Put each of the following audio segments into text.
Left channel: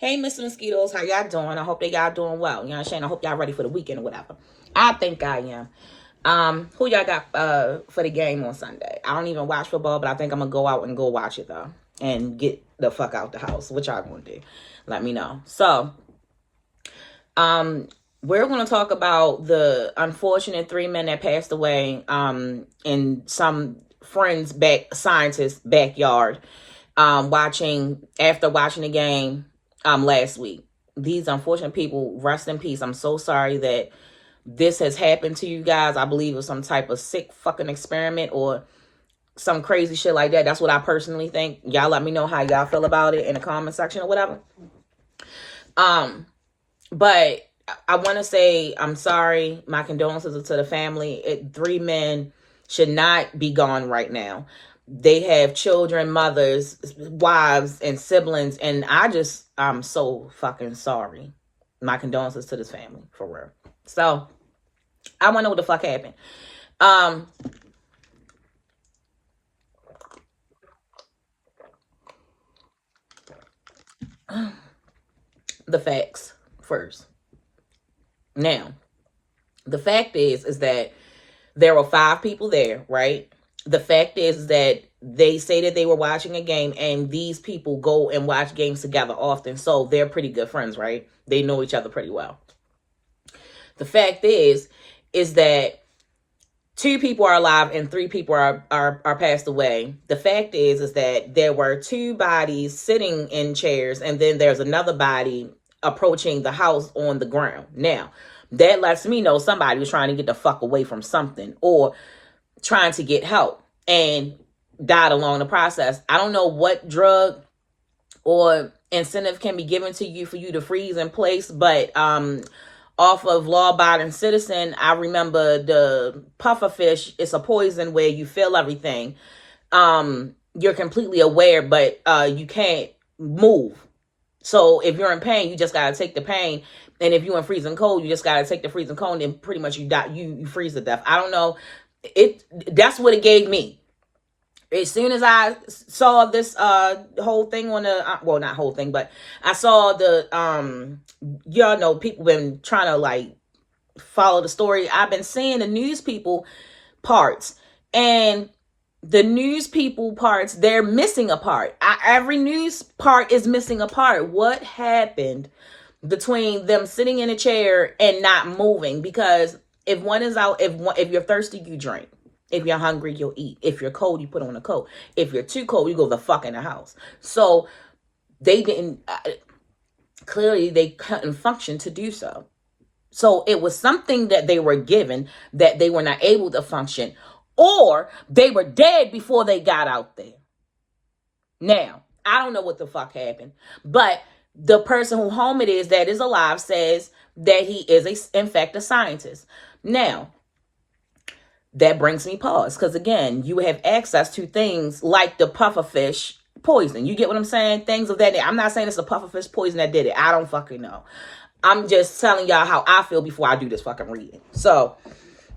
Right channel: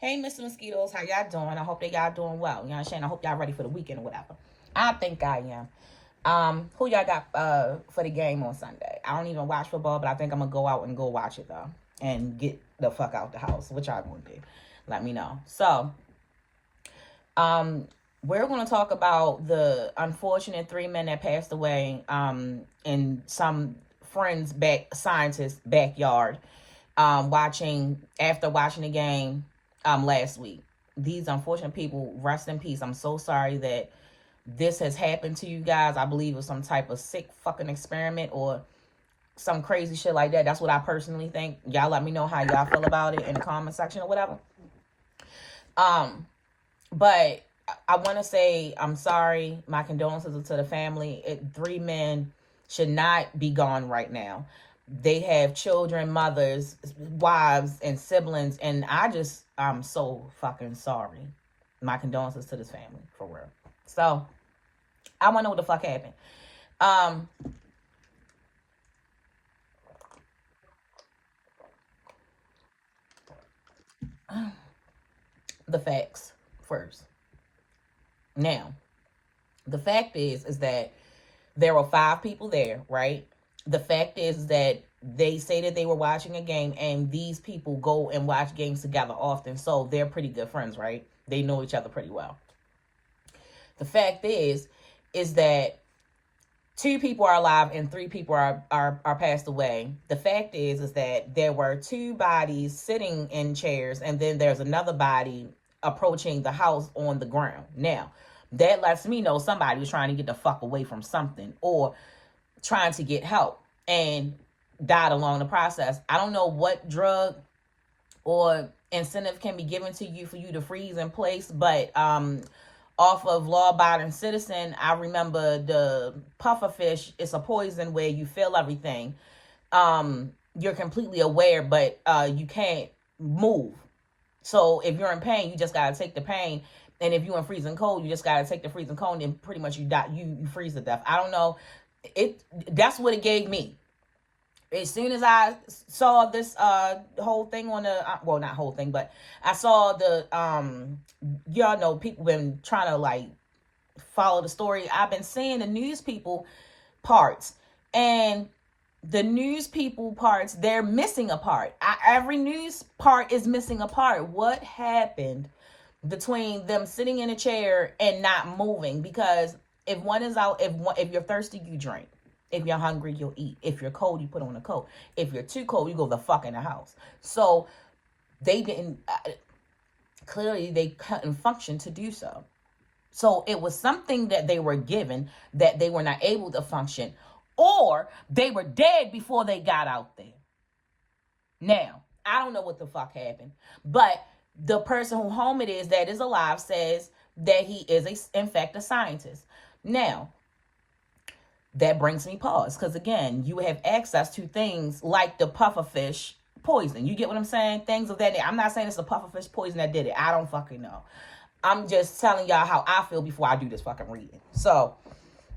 Hey, Mr. Mosquitoes, how y'all doing? I hope that y'all doing well. You know what I'm saying? I hope y'all ready for the weekend or whatever. I think I am. Who y'all got for the game on Sunday? I don't even watch football, but I think I'm gonna go out and go watch it though. And get the fuck out the house. What y'all gonna do? Let me know. So, we're gonna talk about the unfortunate 3 men that passed away in some friend's scientist's backyard after watching the game last week. These unfortunate people, rest in peace. I'm so sorry that this has happened to you guys. I believe it was some type of sick fucking experiment or some crazy shit like that. That's what I personally think. Y'all let me know how y'all feel about it in the comment section or whatever. But I want to say I'm sorry. My condolences to the family. 3 men should not be gone right now. They have children, mothers, wives, and siblings, and I'm so fucking sorry. My condolences to this family, for real. So, I want to know what the fuck happened. The facts first. Now, the fact is that there were 5 people there, right? The fact is that they say that they were watching a game, and these people go and watch games together often, so they're pretty good friends, right? They know each other pretty well. The fact is that 2 people are alive and 3 people are passed away. The fact is that there were 2 bodies sitting in chairs, and then there's another body approaching the house on the ground. Now, that lets me know somebody was trying to get the fuck away from something or trying to get help and died along the process. I don't know what drug or incentive can be given to you for you to freeze in place, but off of Law Abiding Citizen, I remember the pufferfish. It's a poison where you feel everything. You're completely aware, but you can't move. So if you're in pain, you just gotta take the pain. And if you're in freezing cold, you just gotta take the freezing cold, and pretty much you die. You freeze to death. I don't know. That's what it gave me. As soon as I saw this whole thing on the well, not whole thing, but I saw the y'all know people been trying to like follow the story. I've been seeing the news people parts, and the news people parts, they're missing a part. Every news part is missing a part. What happened between them sitting in a chair and not moving? Because if one is out, if you're thirsty, you drink. If you're hungry, you'll eat. If you're cold, you put on a coat. If you're too cold, you go the fuck in the house. So they didn't, clearly they couldn't function to do so. So it was something that they were given that they were not able to function, or they were dead before they got out there. Now, I don't know what the fuck happened, but the person who home it is that is alive says that he is in fact a scientist. Now, that brings me pause, because again, you have access to things like the pufferfish poison. You get what I'm saying? Things of that nature. I'm not saying it's the pufferfish poison that did it. I don't fucking know. I'm just telling y'all how I feel before I do this fucking reading. So,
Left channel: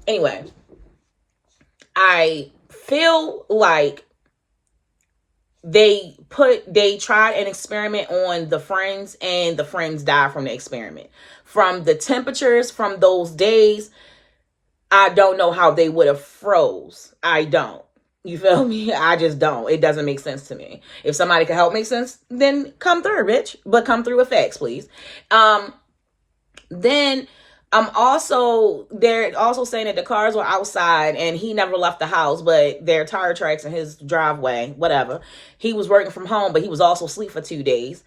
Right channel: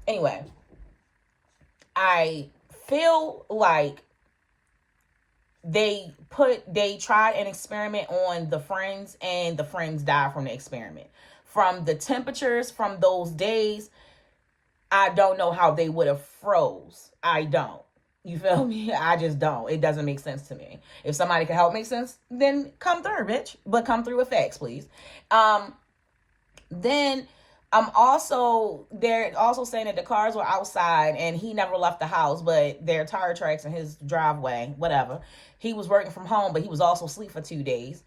anyway, I feel like they tried an experiment on the friends, and the friends died from the experiment. From the temperatures from those days, I don't know how they would have froze. I don't. You feel me? I just don't. It doesn't make sense to me. If somebody can help make sense, then come through, bitch. But come through with facts, please. Then they're also saying that the cars were outside and he never left the house, but there are tire tracks in his driveway, whatever. He was working from home, but he was also asleep for 2 days.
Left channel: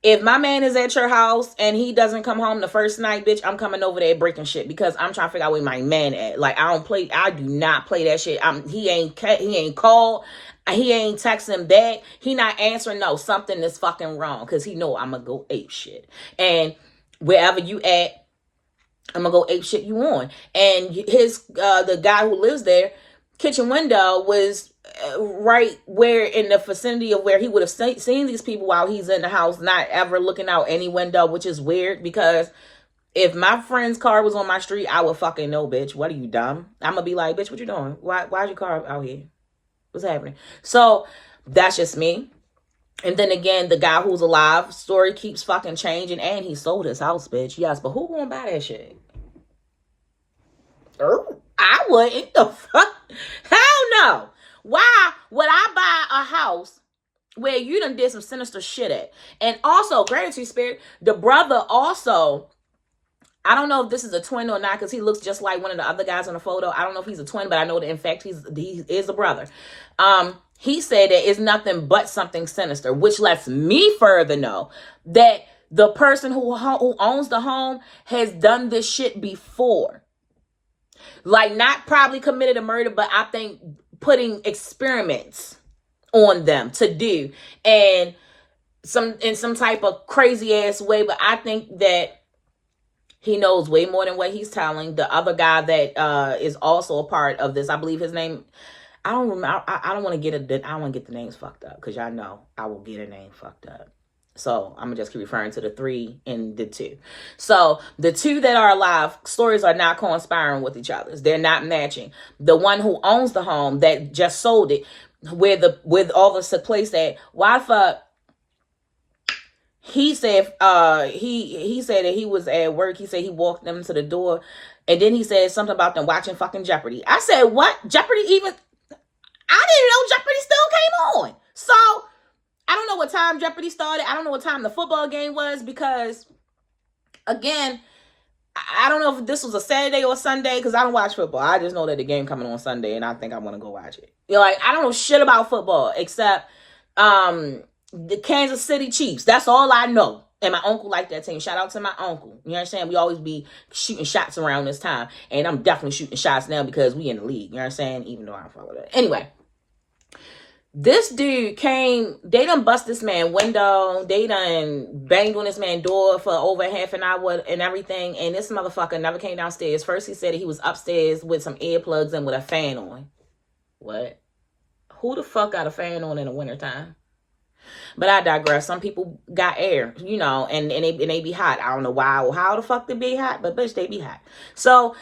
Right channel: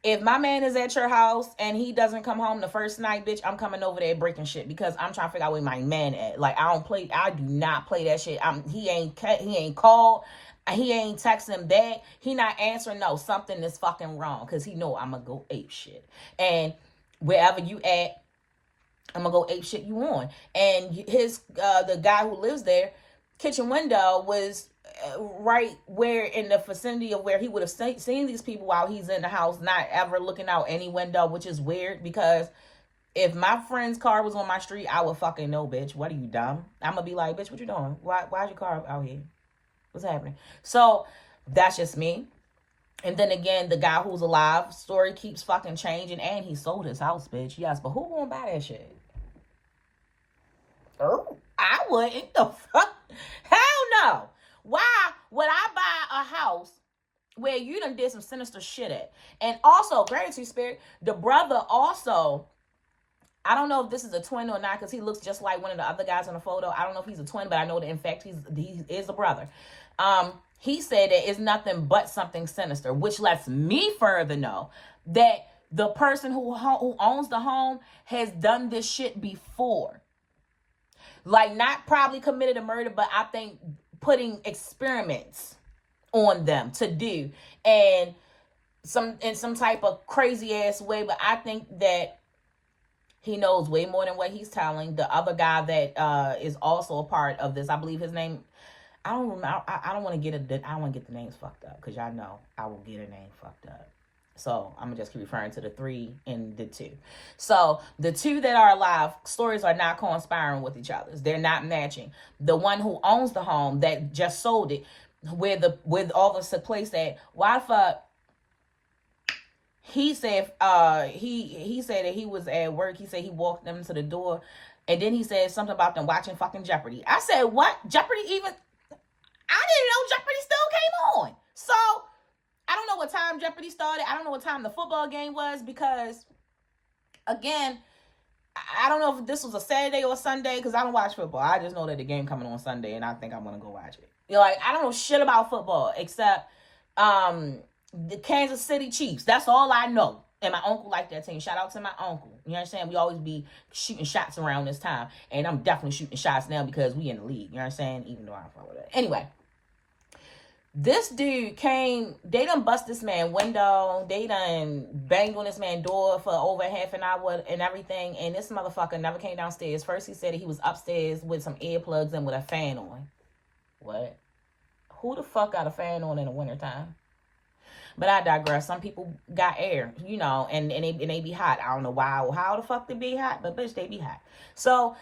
If my man is at your house and he doesn't come home the first night, bitch, I'm coming over there breaking shit, because I'm trying to figure out where my man at. Like, I do not play that shit. He ain't called. He ain't texting back. He not answering. No, something is fucking wrong, because he know I'm gonna go ape shit. And wherever you at, I'm gonna go ape shit you on. And the guy who lives there, kitchen window was right where in the vicinity of where he would have seen these people while he's in the house, not ever looking out any window, which is weird, because if my friend's car was on my street, I would fucking know, bitch. What are you, dumb? I'm gonna be like, bitch, what you doing? Why's your car out here? What's happening? So that's just me. And then again, the guy who's alive story keeps fucking changing, and he sold his house, bitch. Yes, but who gonna buy that shit? I wouldn't. The fuck? Hell no. Why would I buy a house where you done did some sinister shit at? And also, gratitude spirit, the brother also, I don't know if this is a twin or not, because he looks just like one of the other guys in the photo. I don't know if he's a twin, but I know that in fact he is a brother. He said that it's nothing but something sinister, which lets me further know that the person who owns the home has done this shit before. Like, not probably committed a murder, but I think putting experiments on them to do, and in some type of crazy ass way. But I think that he knows way more than what he's telling. The other guy that is also a part of this, I believe his name, I don't remember. I don't want to get the names fucked up, because y'all know I will get a name fucked up. So I'm gonna just keep referring to the 3 and the 2. So the 2 that are alive, stories are not conspiring with each other. They're not matching. The one who owns the home that just sold it, with all this took place at, why the fuck? He said he said that he was at work. He said he walked them to the door, and then he said something about them watching fucking Jeopardy. I said, what? Jeopardy even? I didn't know Jeopardy still came on. So I don't know what time Jeopardy started. I don't know what time the football game was, because, again, I don't know if this was a Saturday or Sunday, because I don't watch football. I just know that the game coming on Sunday, and I think I want to go watch it. Like, I don't know shit about football except the Kansas City Chiefs. That's all I know. And my uncle liked that team. Shout out to my uncle. You understand? We always be shooting shots around this time. And I'm definitely shooting shots now because we in the league. You understand? Even though I don't follow that. Anyway. This dude came, they done bust this man window, they done banged on this man door for over half an hour and everything, and this motherfucker never came downstairs. First he said he was upstairs with some earplugs and with a fan on. What? Who the fuck got a fan on in the wintertime? But I digress. Some people got air, you know, and they be hot. I don't know why or how the fuck they be hot, but bitch, they be hot. So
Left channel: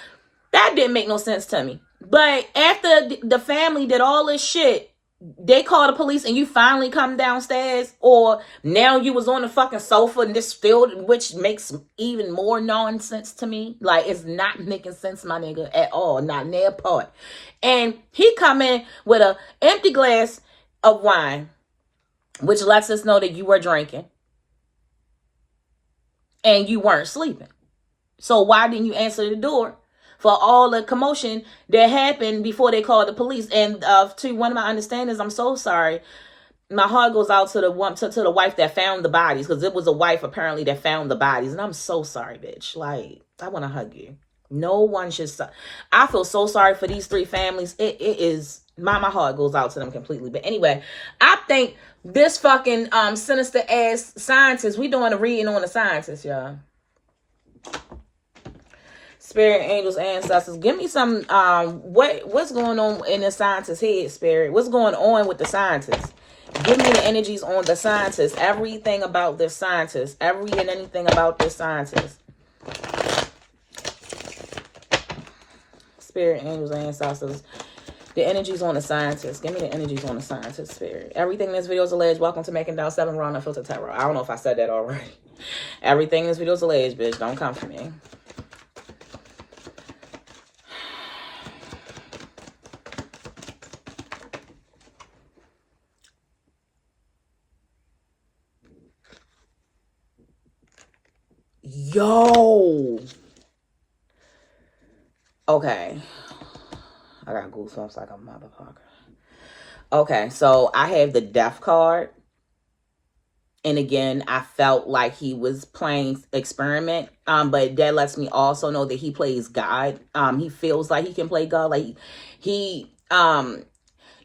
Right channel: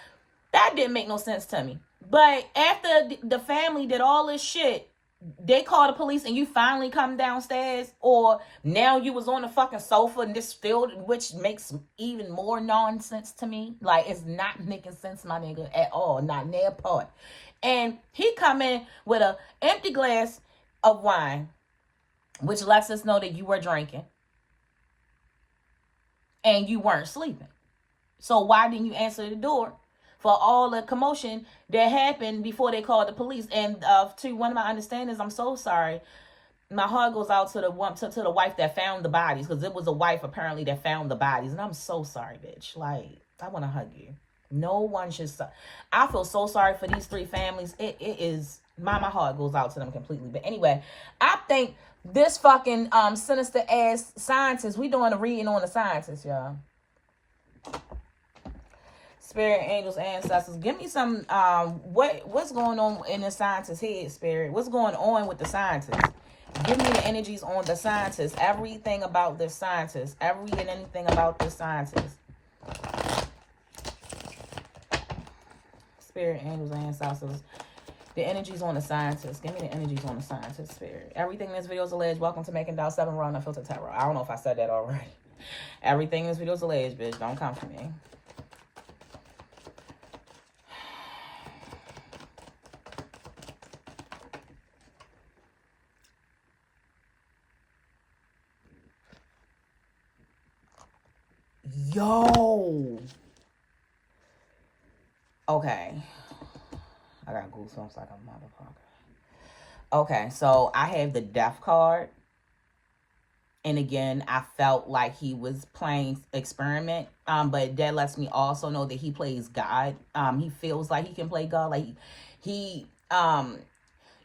that didn't make no sense to me. But after the family did all this shit, they call the police and you finally come downstairs, or now you was on the fucking sofa and this field, which makes even more nonsense to me. Like, it's not making sense, my nigga, at all. Not near part. And he come in with a empty glass of wine, which lets us know that you were drinking and you weren't sleeping. So why didn't you answer the door for all the commotion that happened before they called the police? And to one of my understandings, I'm so sorry. My heart goes out to the wife that found the bodies, because it was a wife apparently that found the bodies. And I'm so sorry, bitch. Like, I want to hug you. No one should. I feel so sorry for these 3 families. It is, my heart goes out to them completely. But anyway, I think this fucking sinister ass scientist, we doing a reading on the scientist, y'all. Spirit, angels, ancestors, give me some, what's going on in the scientist's head, Spirit? What's going on with the scientist? Give me the energies on the scientist, everything about this scientist, every and anything about this scientist. Spirit, angels, ancestors, the energies on the scientist. Give me the energies on the scientist, Spirit. Everything in this video is alleged. Welcome to Making Down 7 Raw Unfiltered Tarot. I don't know if I said that already. Everything in this video is alleged, bitch. Don't come for me. Yo. Okay. I got goosebumps like a motherfucker. Okay, so I have the death card. And again, I felt like he was playing experiment. But that lets me also know that he plays God. He feels like he can play God. Like he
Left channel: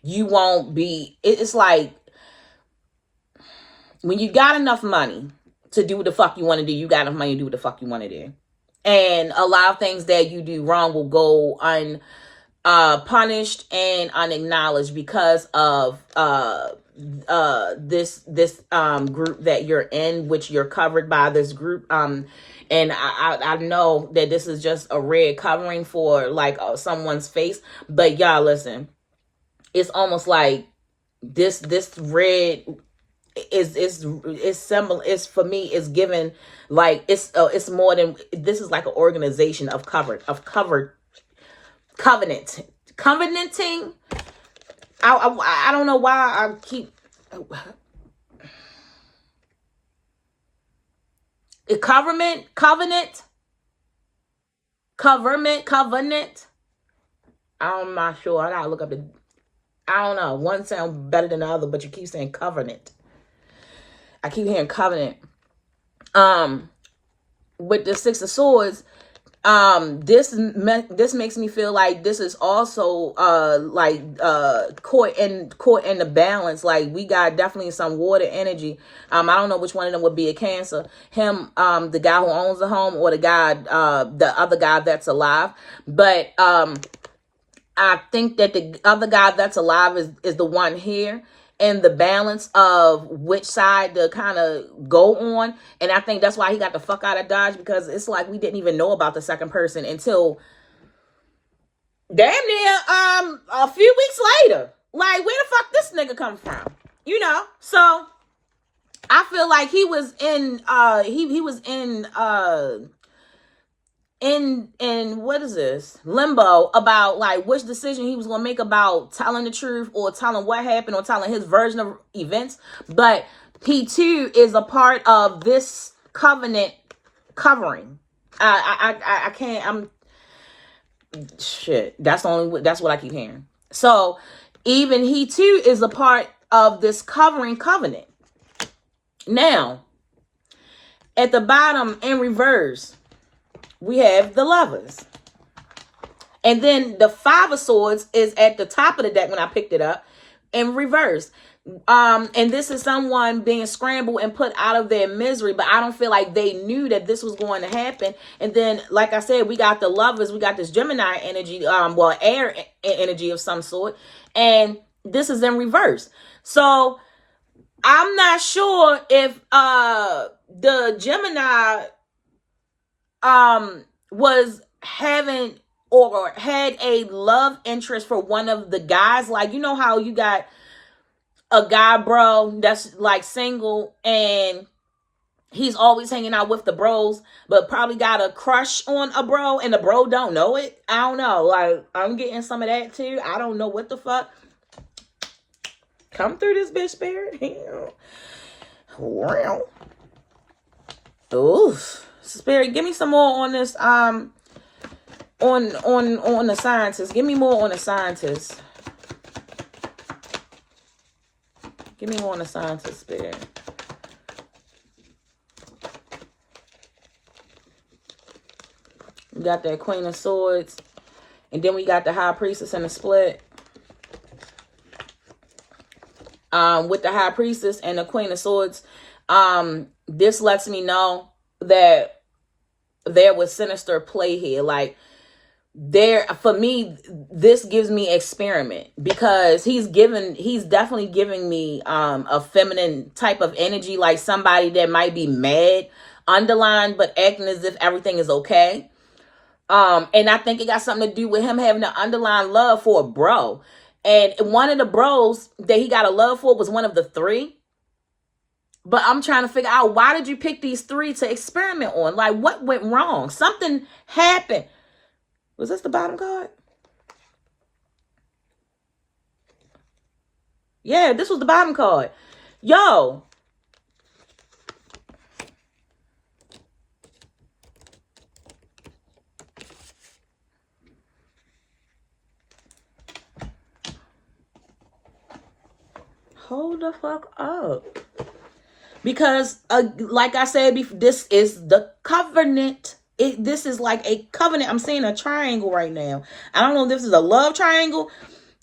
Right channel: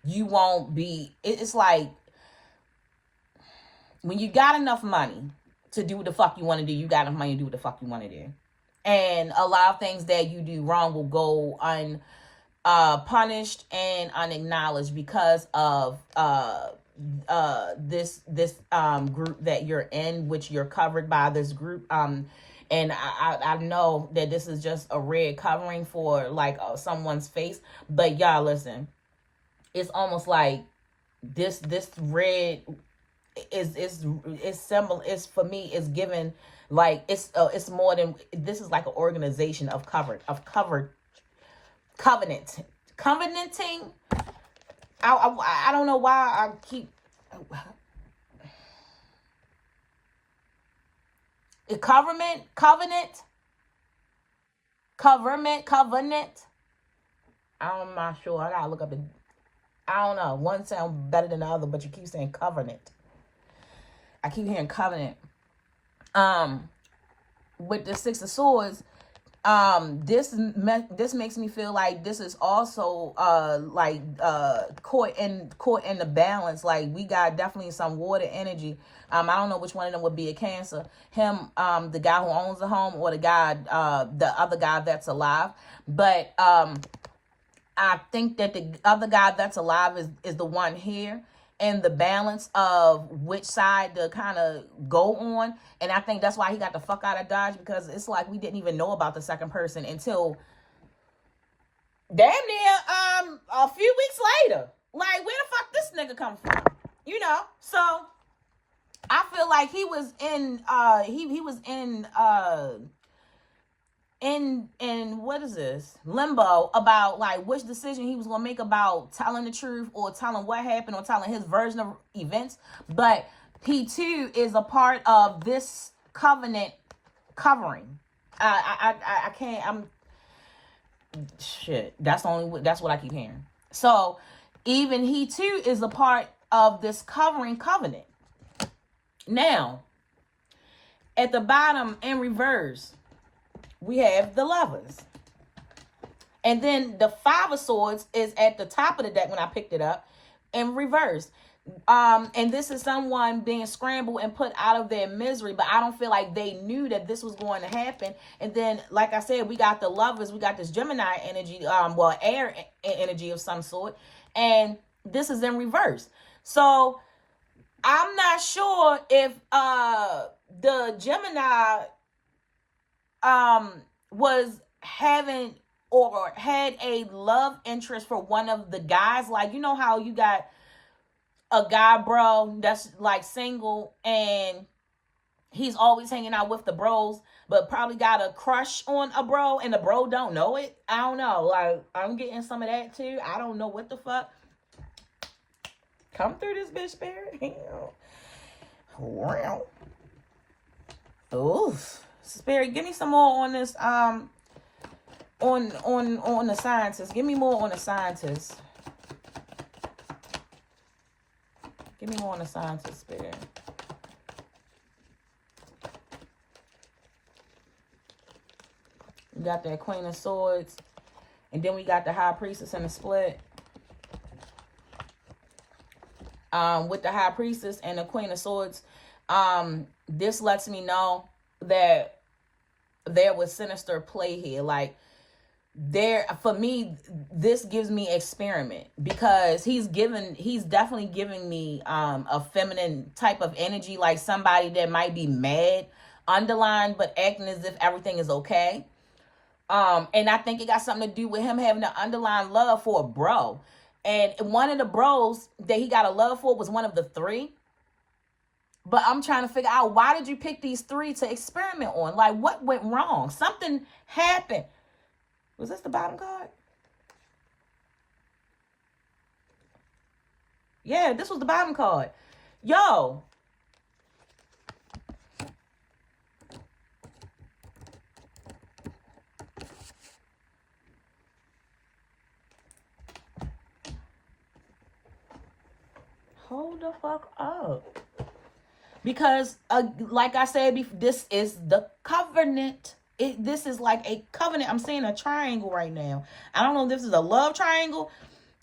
you won't be, it's like when you got enough money to do what the fuck you want to do, you got enough money to do what the fuck you want to do. And a lot of things that you do wrong will go punished and unacknowledged because of this group that you're in, which you're covered by this group. And I know that this is just a red covering for like someone's face, but y'all listen, it's almost like this red is similar. It's, for me, it's given like it's more than, this is like an organization of covenant covenanting. I don't know why I keep covenant. I'm not sure. I gotta look up the. I don't know. One sounds better than the other, but you keep saying covenant. I keep hearing covenant. With the Six of Swords, this makes me feel like this is also caught in the balance. Like, we got definitely some water energy. I don't know which one of them would be a Cancer. Him, the guy who owns the home, or the other guy that's alive. But I think that the other guy that's alive is the one here, and the balance of which side to kind of go on. And I think that's why he got the fuck out of Dodge, because it's like we didn't even know about the second person until damn near a few weeks later. Like, where the fuck this nigga come from? You know? So I feel like he was in he was in what is this, limbo, about like which decision he was gonna make about telling the truth, or telling what happened, or telling his version of events. But he too is a part of this covenant covering. I can't. I'm shit. That's what I keep hearing. So even he too is a part of this covering covenant. Now, at the bottom in reverse, we have the Lovers. And then the Five of Swords is at the top of the deck when I picked it up, in reverse. And this is someone being scrambled and put out of their misery, but I don't feel like they knew that this was going to happen. And then, like I said, we got the Lovers, we got this Gemini energy, air energy of some sort, and this is in reverse. So I'm not sure if the Gemini was having or had a love interest for one of the guys. Like, you know how you got a guy bro that's like single, and he's always hanging out with the bros, but probably got a crush on a bro, and the bro don't know it. I don't know. Like, I'm getting some of that too. I don't know what the fuck. Come through this bitch, spirit. Wow. Oof. Spirit, give me some more on this on the scientist. Give me more on the scientist. Give me more on the scientist, Spirit. We got that Queen of Swords, and then we got the High Priestess in the split. With the High Priestess and the Queen of Swords, this lets me know that there was sinister play here. Like, for me, this gives me experiment, because he's definitely giving me a feminine type of energy, like somebody that might be mad underlined but acting as if everything is okay. And I think it got something to do with him having an underlying love for a bro. And one of the bros that he got a love for was one of the three. But I'm trying to figure out, why did you pick these three to experiment on? Like, what went wrong? Something happened. Was this the bottom card? Yeah, this was the bottom card. Yo. Hold the fuck up. Because, like I said before, this is the covenant. This is like a covenant. I'm seeing a triangle right now. I don't know if this is a love triangle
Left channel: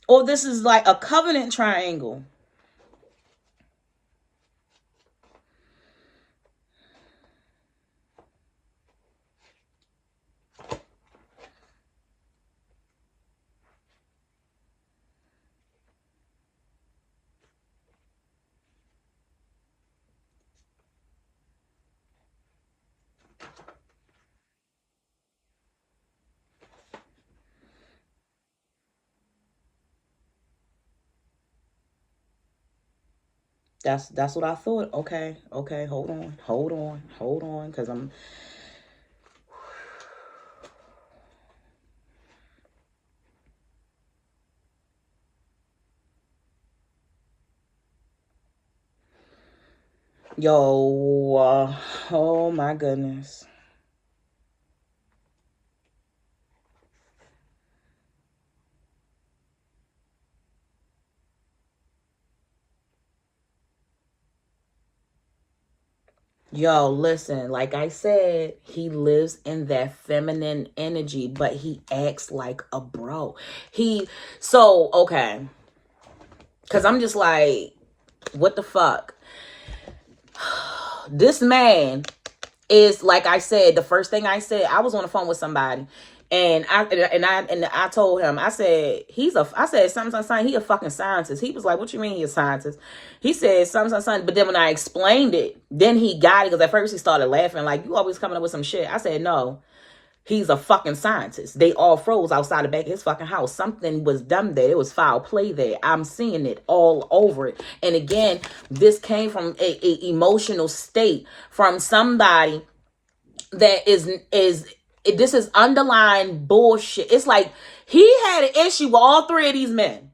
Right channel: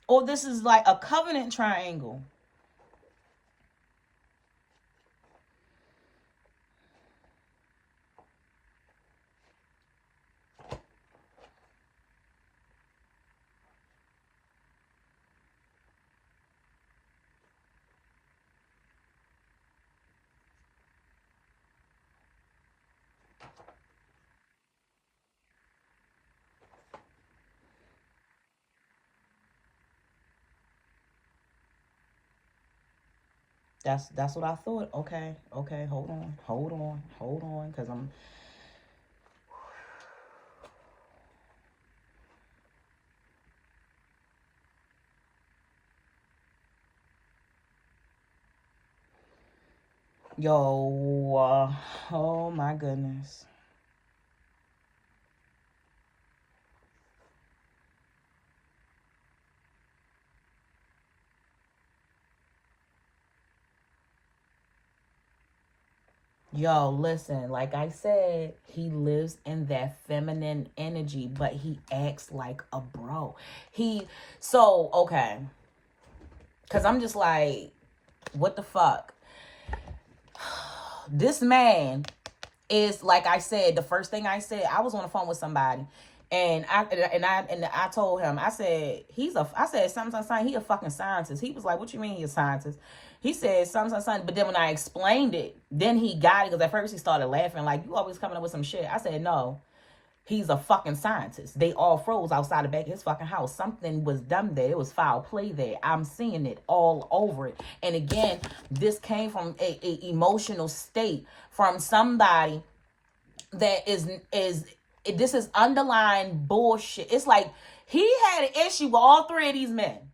or this is like a covenant triangle. That's what I thought. Okay, hold on, because I'm. Yo, oh my goodness. Yo, listen, like I said, he lives in that feminine energy, but he acts like a bro. Okay. Because I'm just like, what the fuck? This man is, like I said, the first thing I said, I was on the phone with somebody. And I told him, I said, something, he a fucking scientist. He was like, what you mean he a scientist? He said, something. But then when I explained it, then he got it. Because at first he started laughing, like, you always coming up with some shit. I said, no, he's a fucking scientist. They all froze outside the back of his fucking house. Something was done there. It was foul play there. I'm seeing it all over it. And again, this came from a emotional state from somebody that this is underlying bullshit. It's like he had an issue with all three of these men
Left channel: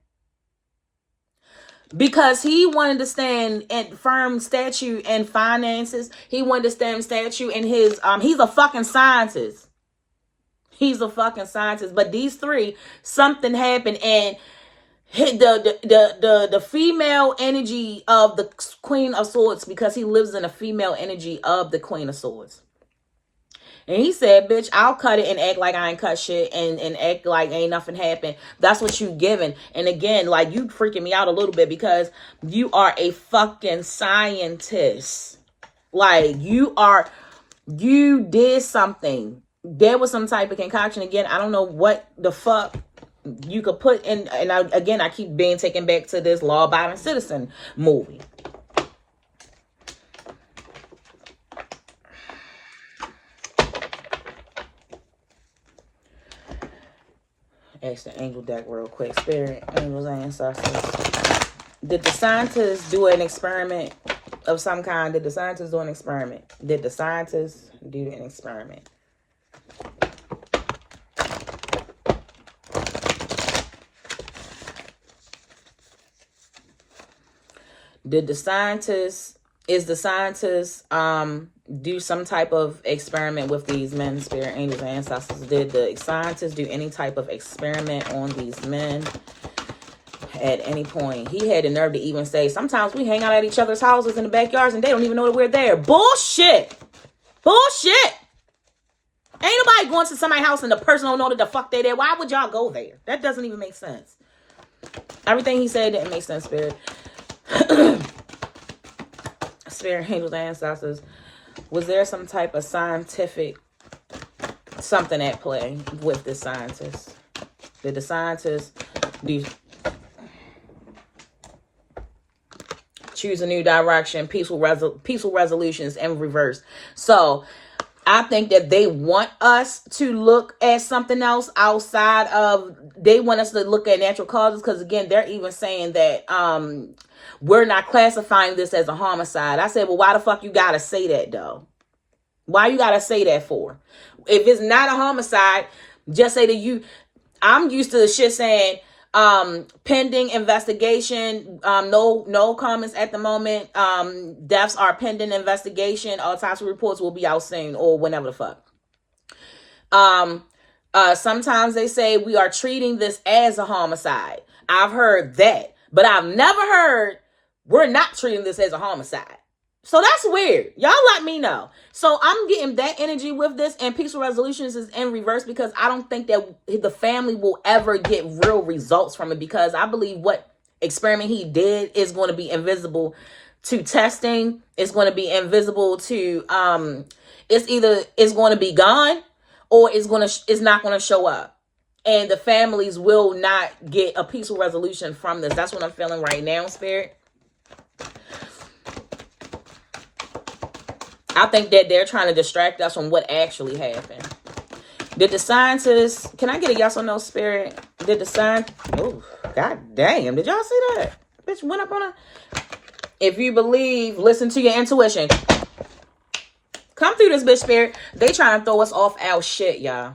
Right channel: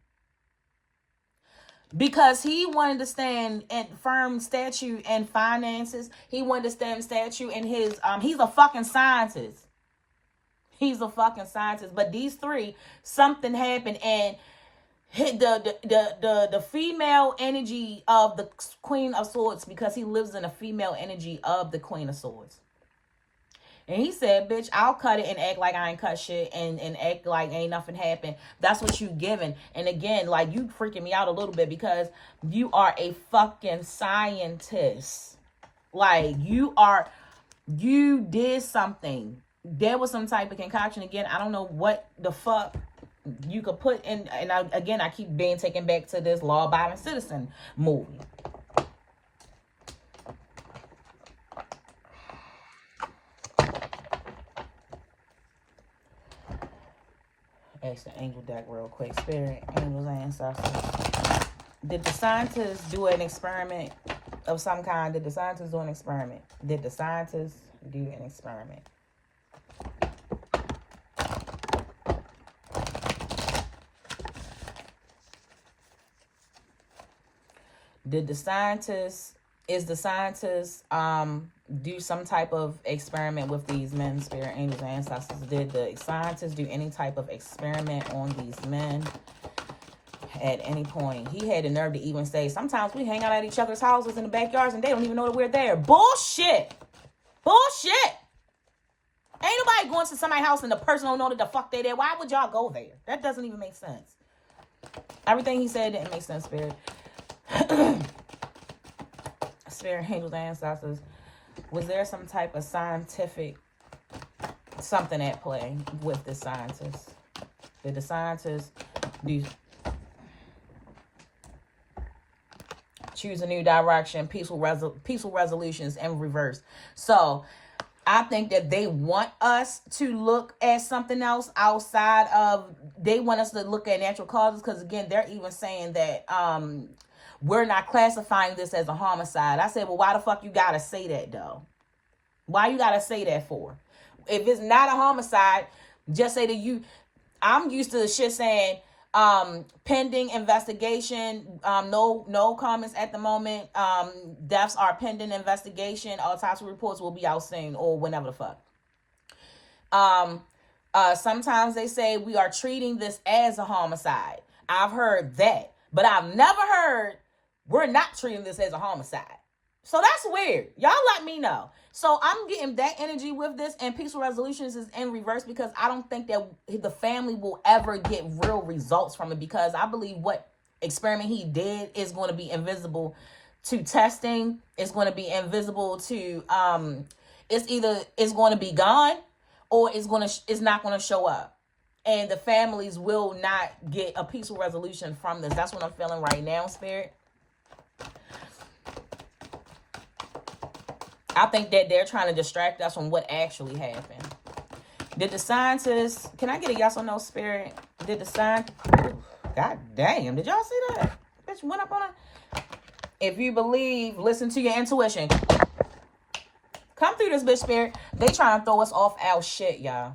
because he wanted to stand in firm statue and finances. He wanted to stand statue in his he's a fucking scientist. He's a fucking scientist. But these three, something happened, and the female energy of the Queen of Swords, because he lives in a female energy of the Queen of Swords. And he said, bitch, I'll cut it and act like I ain't cut shit and act like ain't nothing happened. That's what you giving. And again, like, you freaking me out a little bit because you are a fucking scientist. Like, you did something. There was some type of concoction. Again, I don't know what the fuck you could put in. And I keep being taken back to this law-abiding citizen movie. Ask the angel deck real quick. Spirit, angels, ancestors. Did the scientists do an experiment of some kind? Did the scientists do an experiment? Did the scientists do an experiment? Did the scientists, is the scientists do some type of experiment with these men, spirit, angels, ancestors? Did the scientists do any type of experiment on these men at any point? He had the nerve to even say, sometimes we hang out at each other's houses in the backyards and they don't even know that we're there. Bullshit. Bullshit. Ain't nobody going to somebody's house and the person don't know that the fuck they there. Why would y'all go there? That doesn't even make sense. Everything he said didn't make sense, spirit. Spirit, angels, ancestors. Was there some type of scientific something at play with the scientists? Did the scientists choose a new direction, peaceful resolutions in reverse? So I think that they want us to look at something else outside of, they want us to look at natural causes, because again, they're even saying that we're not classifying this as a homicide. I said, well, why the fuck you gotta say that though? Why you gotta say that for? If it's not a homicide, just say that I'm used to the shit saying pending investigation, no comments at the moment, deaths are pending investigation, autopsy reports will be out soon, or whenever the fuck. Sometimes they say we are treating this as a homicide. I've heard that, but I've never heard we're not treating this as a homicide. So that's weird. Y'all let me know. So I'm getting that energy with this, and peaceful resolutions is in reverse, because I don't think that the family will ever get real results from it, because I believe what experiment he did is going to be invisible to testing. It's going to be invisible to it's going to be gone, or it's not going to show up, and the families will not get a peaceful resolution from this. That's what I'm feeling right now, spirit. I think that they're trying to distract us from what actually happened. Did the scientists, can I get a yes or no, spirit? Did the scientists, oh, god damn, did y'all see that? Bitch went up on a, If you believe, listen to your intuition. Come through this bitch, spirit. They trying to throw us off our shit, y'all.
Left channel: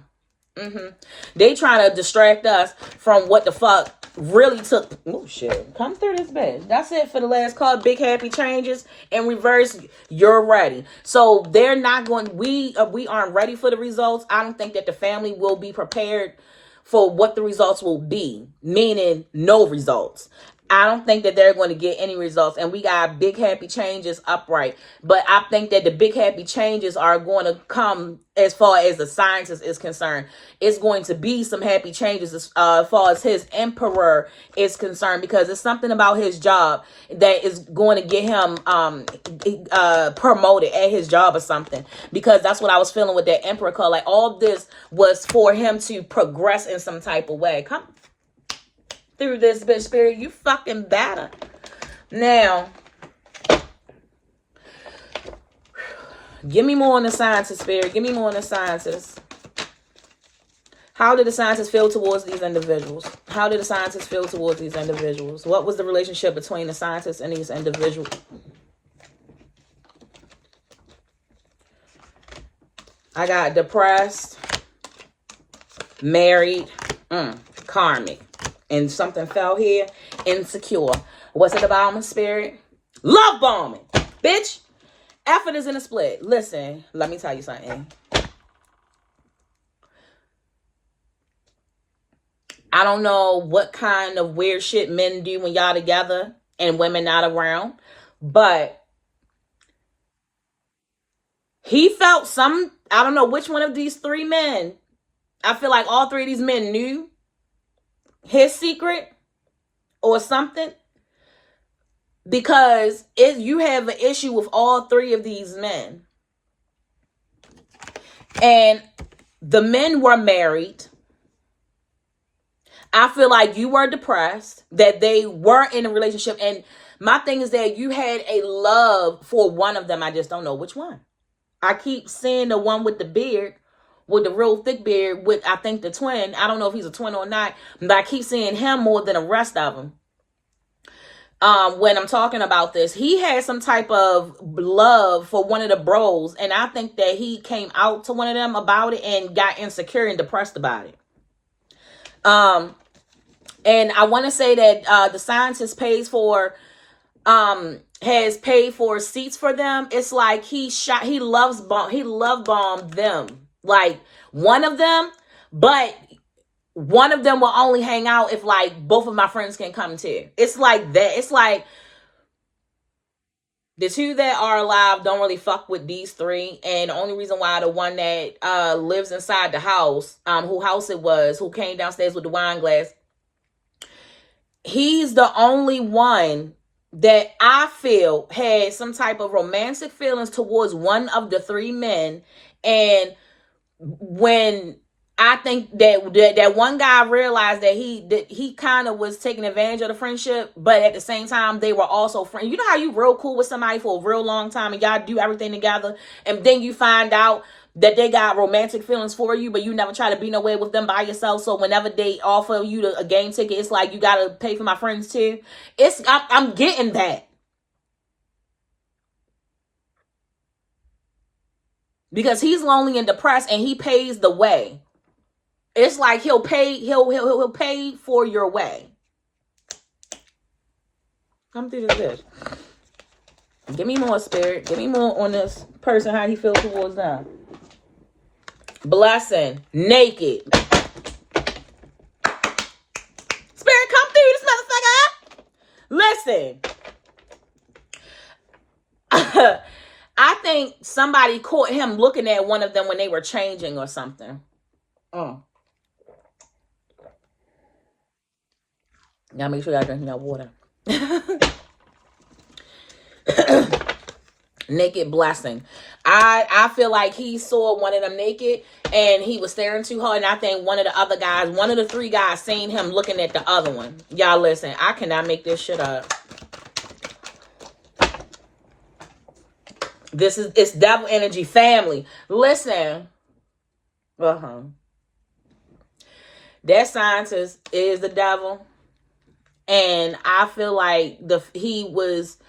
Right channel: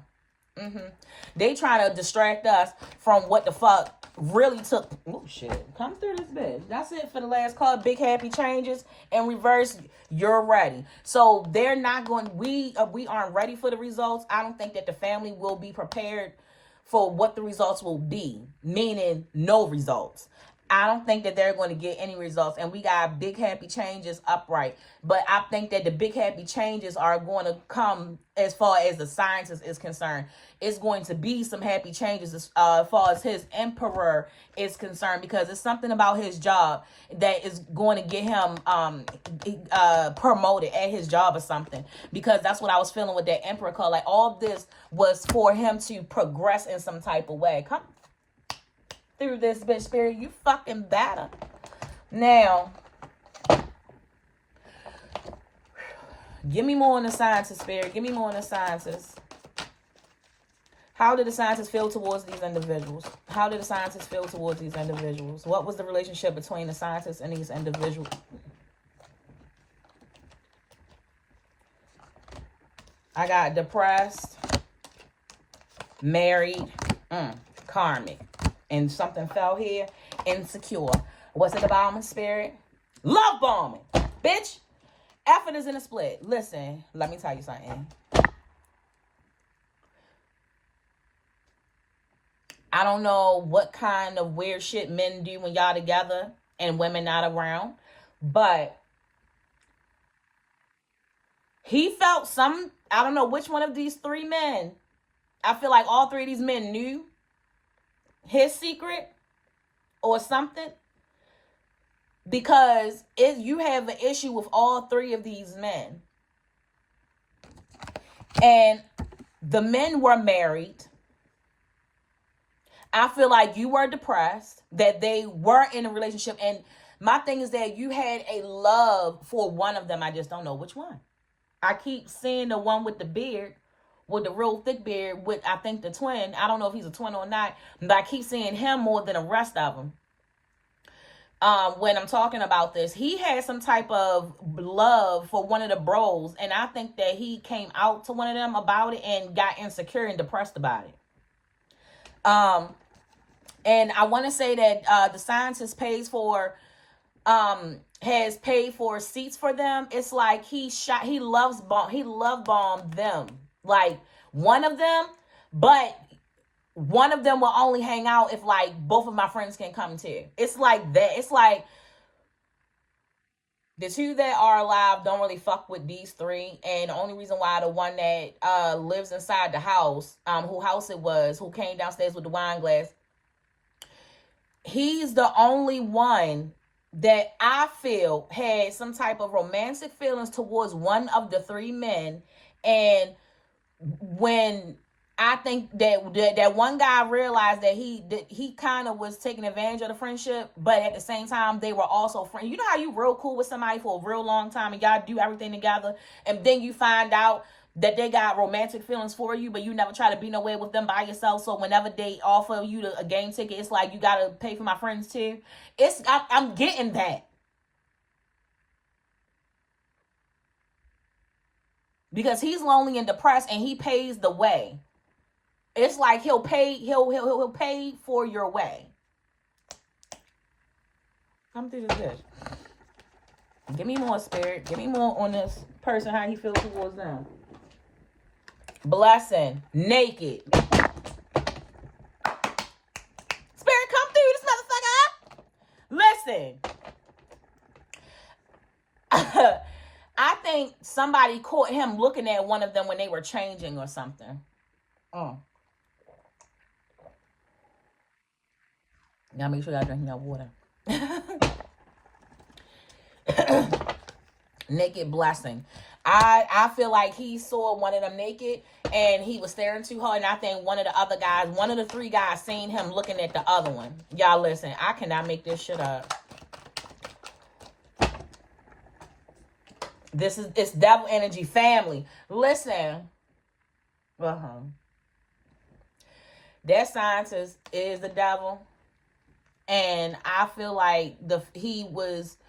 They trying to distract us from what the fuck really took. Oh shit. Come through this bitch. That's it for the last call. Big happy changes in reverse. You're ready. So they're not going. We aren't ready for the results. I don't think that the family will be prepared for what the results will be, meaning no results. I don't think that they're going to get any results. And we got big happy changes upright. But I think that the big happy changes are going to come as far as the sciences is concerned. It's going to be some happy changes as far as his emperor is concerned, because it's something about his job that is going to get him promoted at his job or something. Because that's what I was feeling with that emperor card. Like all this was for him to progress in some type of way. Come through this bitch, spirit. You fucking better. Now, give me more on the scientists, spirit. Give me more on the scientists. How did the scientists feel towards these individuals? How did the scientists feel towards these individuals? What was the relationship between the scientists and these individuals? I got depressed, married, karmic. And something fell here. Insecure. What's it about, my spirit? Love bombing. Bitch. Effort is in a split. Listen, let me tell you something. I don't know what kind of weird shit men do when y'all together and women not around. But he felt some, I don't know which one of these three men. I feel like all three of these men knew his secret or something, because you have an issue with all three of these men, and the men were married. I feel like you were depressed that they weren't in a relationship, and my thing is that you had a love for one of them. I just don't know which one. I keep seeing the one with the beard, with the real thick beard, with I think the twin. I don't know if he's a twin or not, but I keep seeing him more than the rest of them. When I'm talking about this, he had some type of love for one of the bros, and I think that he came out to one of them about it and got insecure and depressed about it. And I want to say that the scientist has paid for seats for them. It's like he love bombed them. Like one of them, but one of them will only hang out if like both of my friends can come too. It's like that. It's like the two that are alive don't really fuck with these three, and the only reason why the one that lives inside the house, who house it was, who came downstairs with the wine glass, he's the only one that I feel had some type of romantic feelings towards one of the three men. And when I think that one guy realized that he kind of was taking advantage of the friendship, but at the same time they were also friends. You know how you real cool with somebody for a real long time and y'all do everything together, and then you find out that they got romantic feelings for you, but you never try to be nowhere with them by yourself. So whenever they offer you a game ticket, it's like, you gotta pay for my friends too. I'm getting that. Because he's lonely and depressed and he pays the way. It's like he'll pay for your way. Come through this. Give me more, spirit. Give me more on this person, how he feels towards them. Blessing. Naked. Spirit, come through this motherfucker. Listen. I think somebody caught him looking at one of them when they were changing or something. Gotta make sure y'all drinking that water. Naked blessing. I feel like he saw one of them naked and he was staring too hard, and I think one of the three guys seen him looking at the other one. Y'all listen, I cannot make this shit up. It's devil energy, family. Listen. That scientist is the devil. And I feel like he was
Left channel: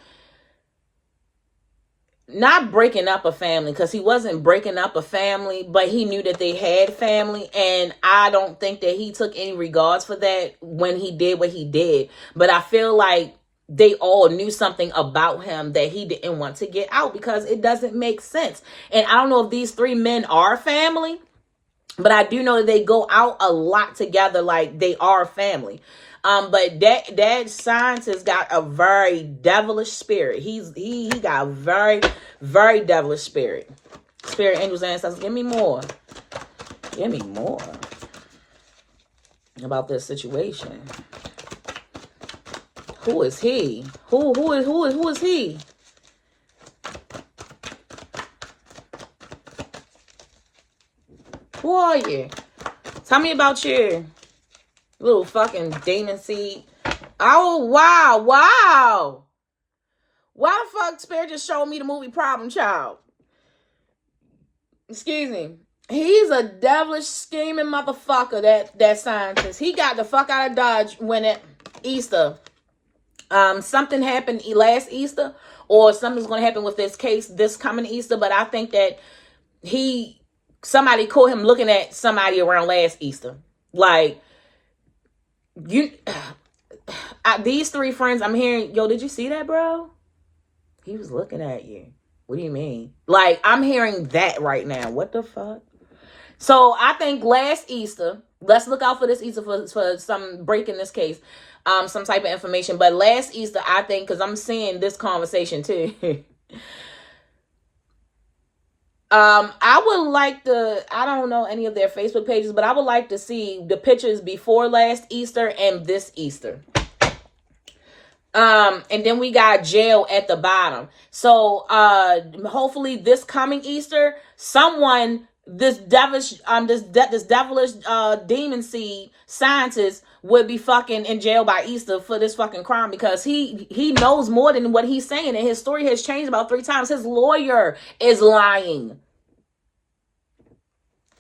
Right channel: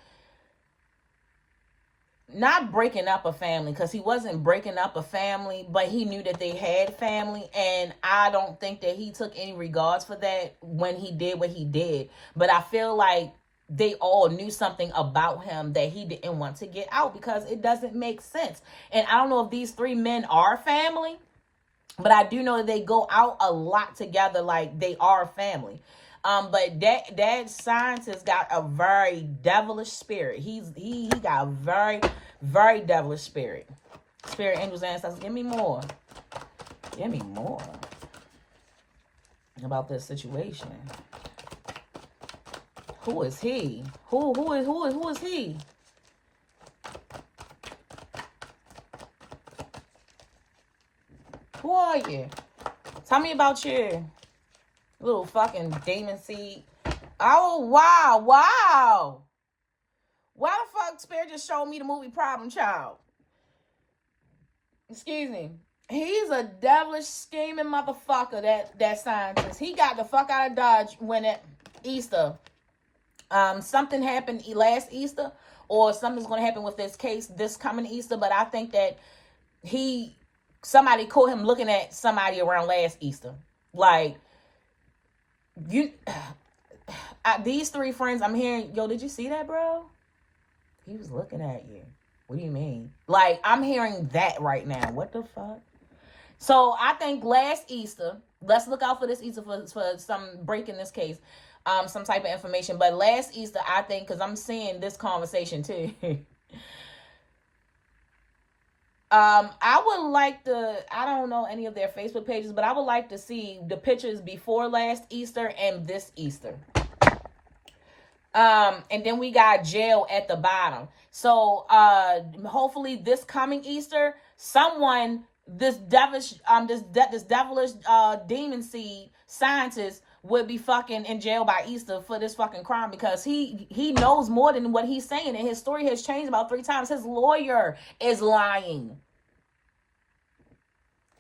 not breaking up a family, because he wasn't breaking up a family, but he knew that they had family, and I don't think that he took any regards for that when he did what he did. But I feel like they all knew something about him that he didn't want to get out, because it doesn't make sense. And I don't know if these three men are family, but I do know that they go out a lot together, like they are family. But that scientist got a very devilish spirit. He got a very, very devilish spirit. Spirit, angels, ancestors, give me more. Give me more about this situation. Who is he? Who is he? Who are you? Tell me about you. Little fucking demon seed. Oh, wow. Wow. Why the fuck Spirit just showed me the movie Problem Child? Excuse me. He's a devilish scheming motherfucker, that scientist. He got the fuck out of Dodge when it Easter. Something happened last Easter, or something's going to happen with this case this coming Easter, but I think that somebody caught him looking at somebody around last Easter. Like, these three friends, I'm hearing, yo, did you see that, bro? He was looking at you. What do you mean? Like, I'm hearing that right now. What the fuck? So I think last Easter, let's look out for this Easter for some breaking this case, some type of information. But last Easter, I think, because I'm seeing this conversation too. I would like to, I don't know any of their Facebook pages, but I would like to see the pictures before last Easter and this Easter. And then we got jail at the bottom. So, hopefully this coming Easter, someone, this devilish, this devilish, demon seed scientist would be fucking in jail by Easter for this fucking crime, because he knows more than what he's saying, and his story has changed about 3 times. His lawyer is lying.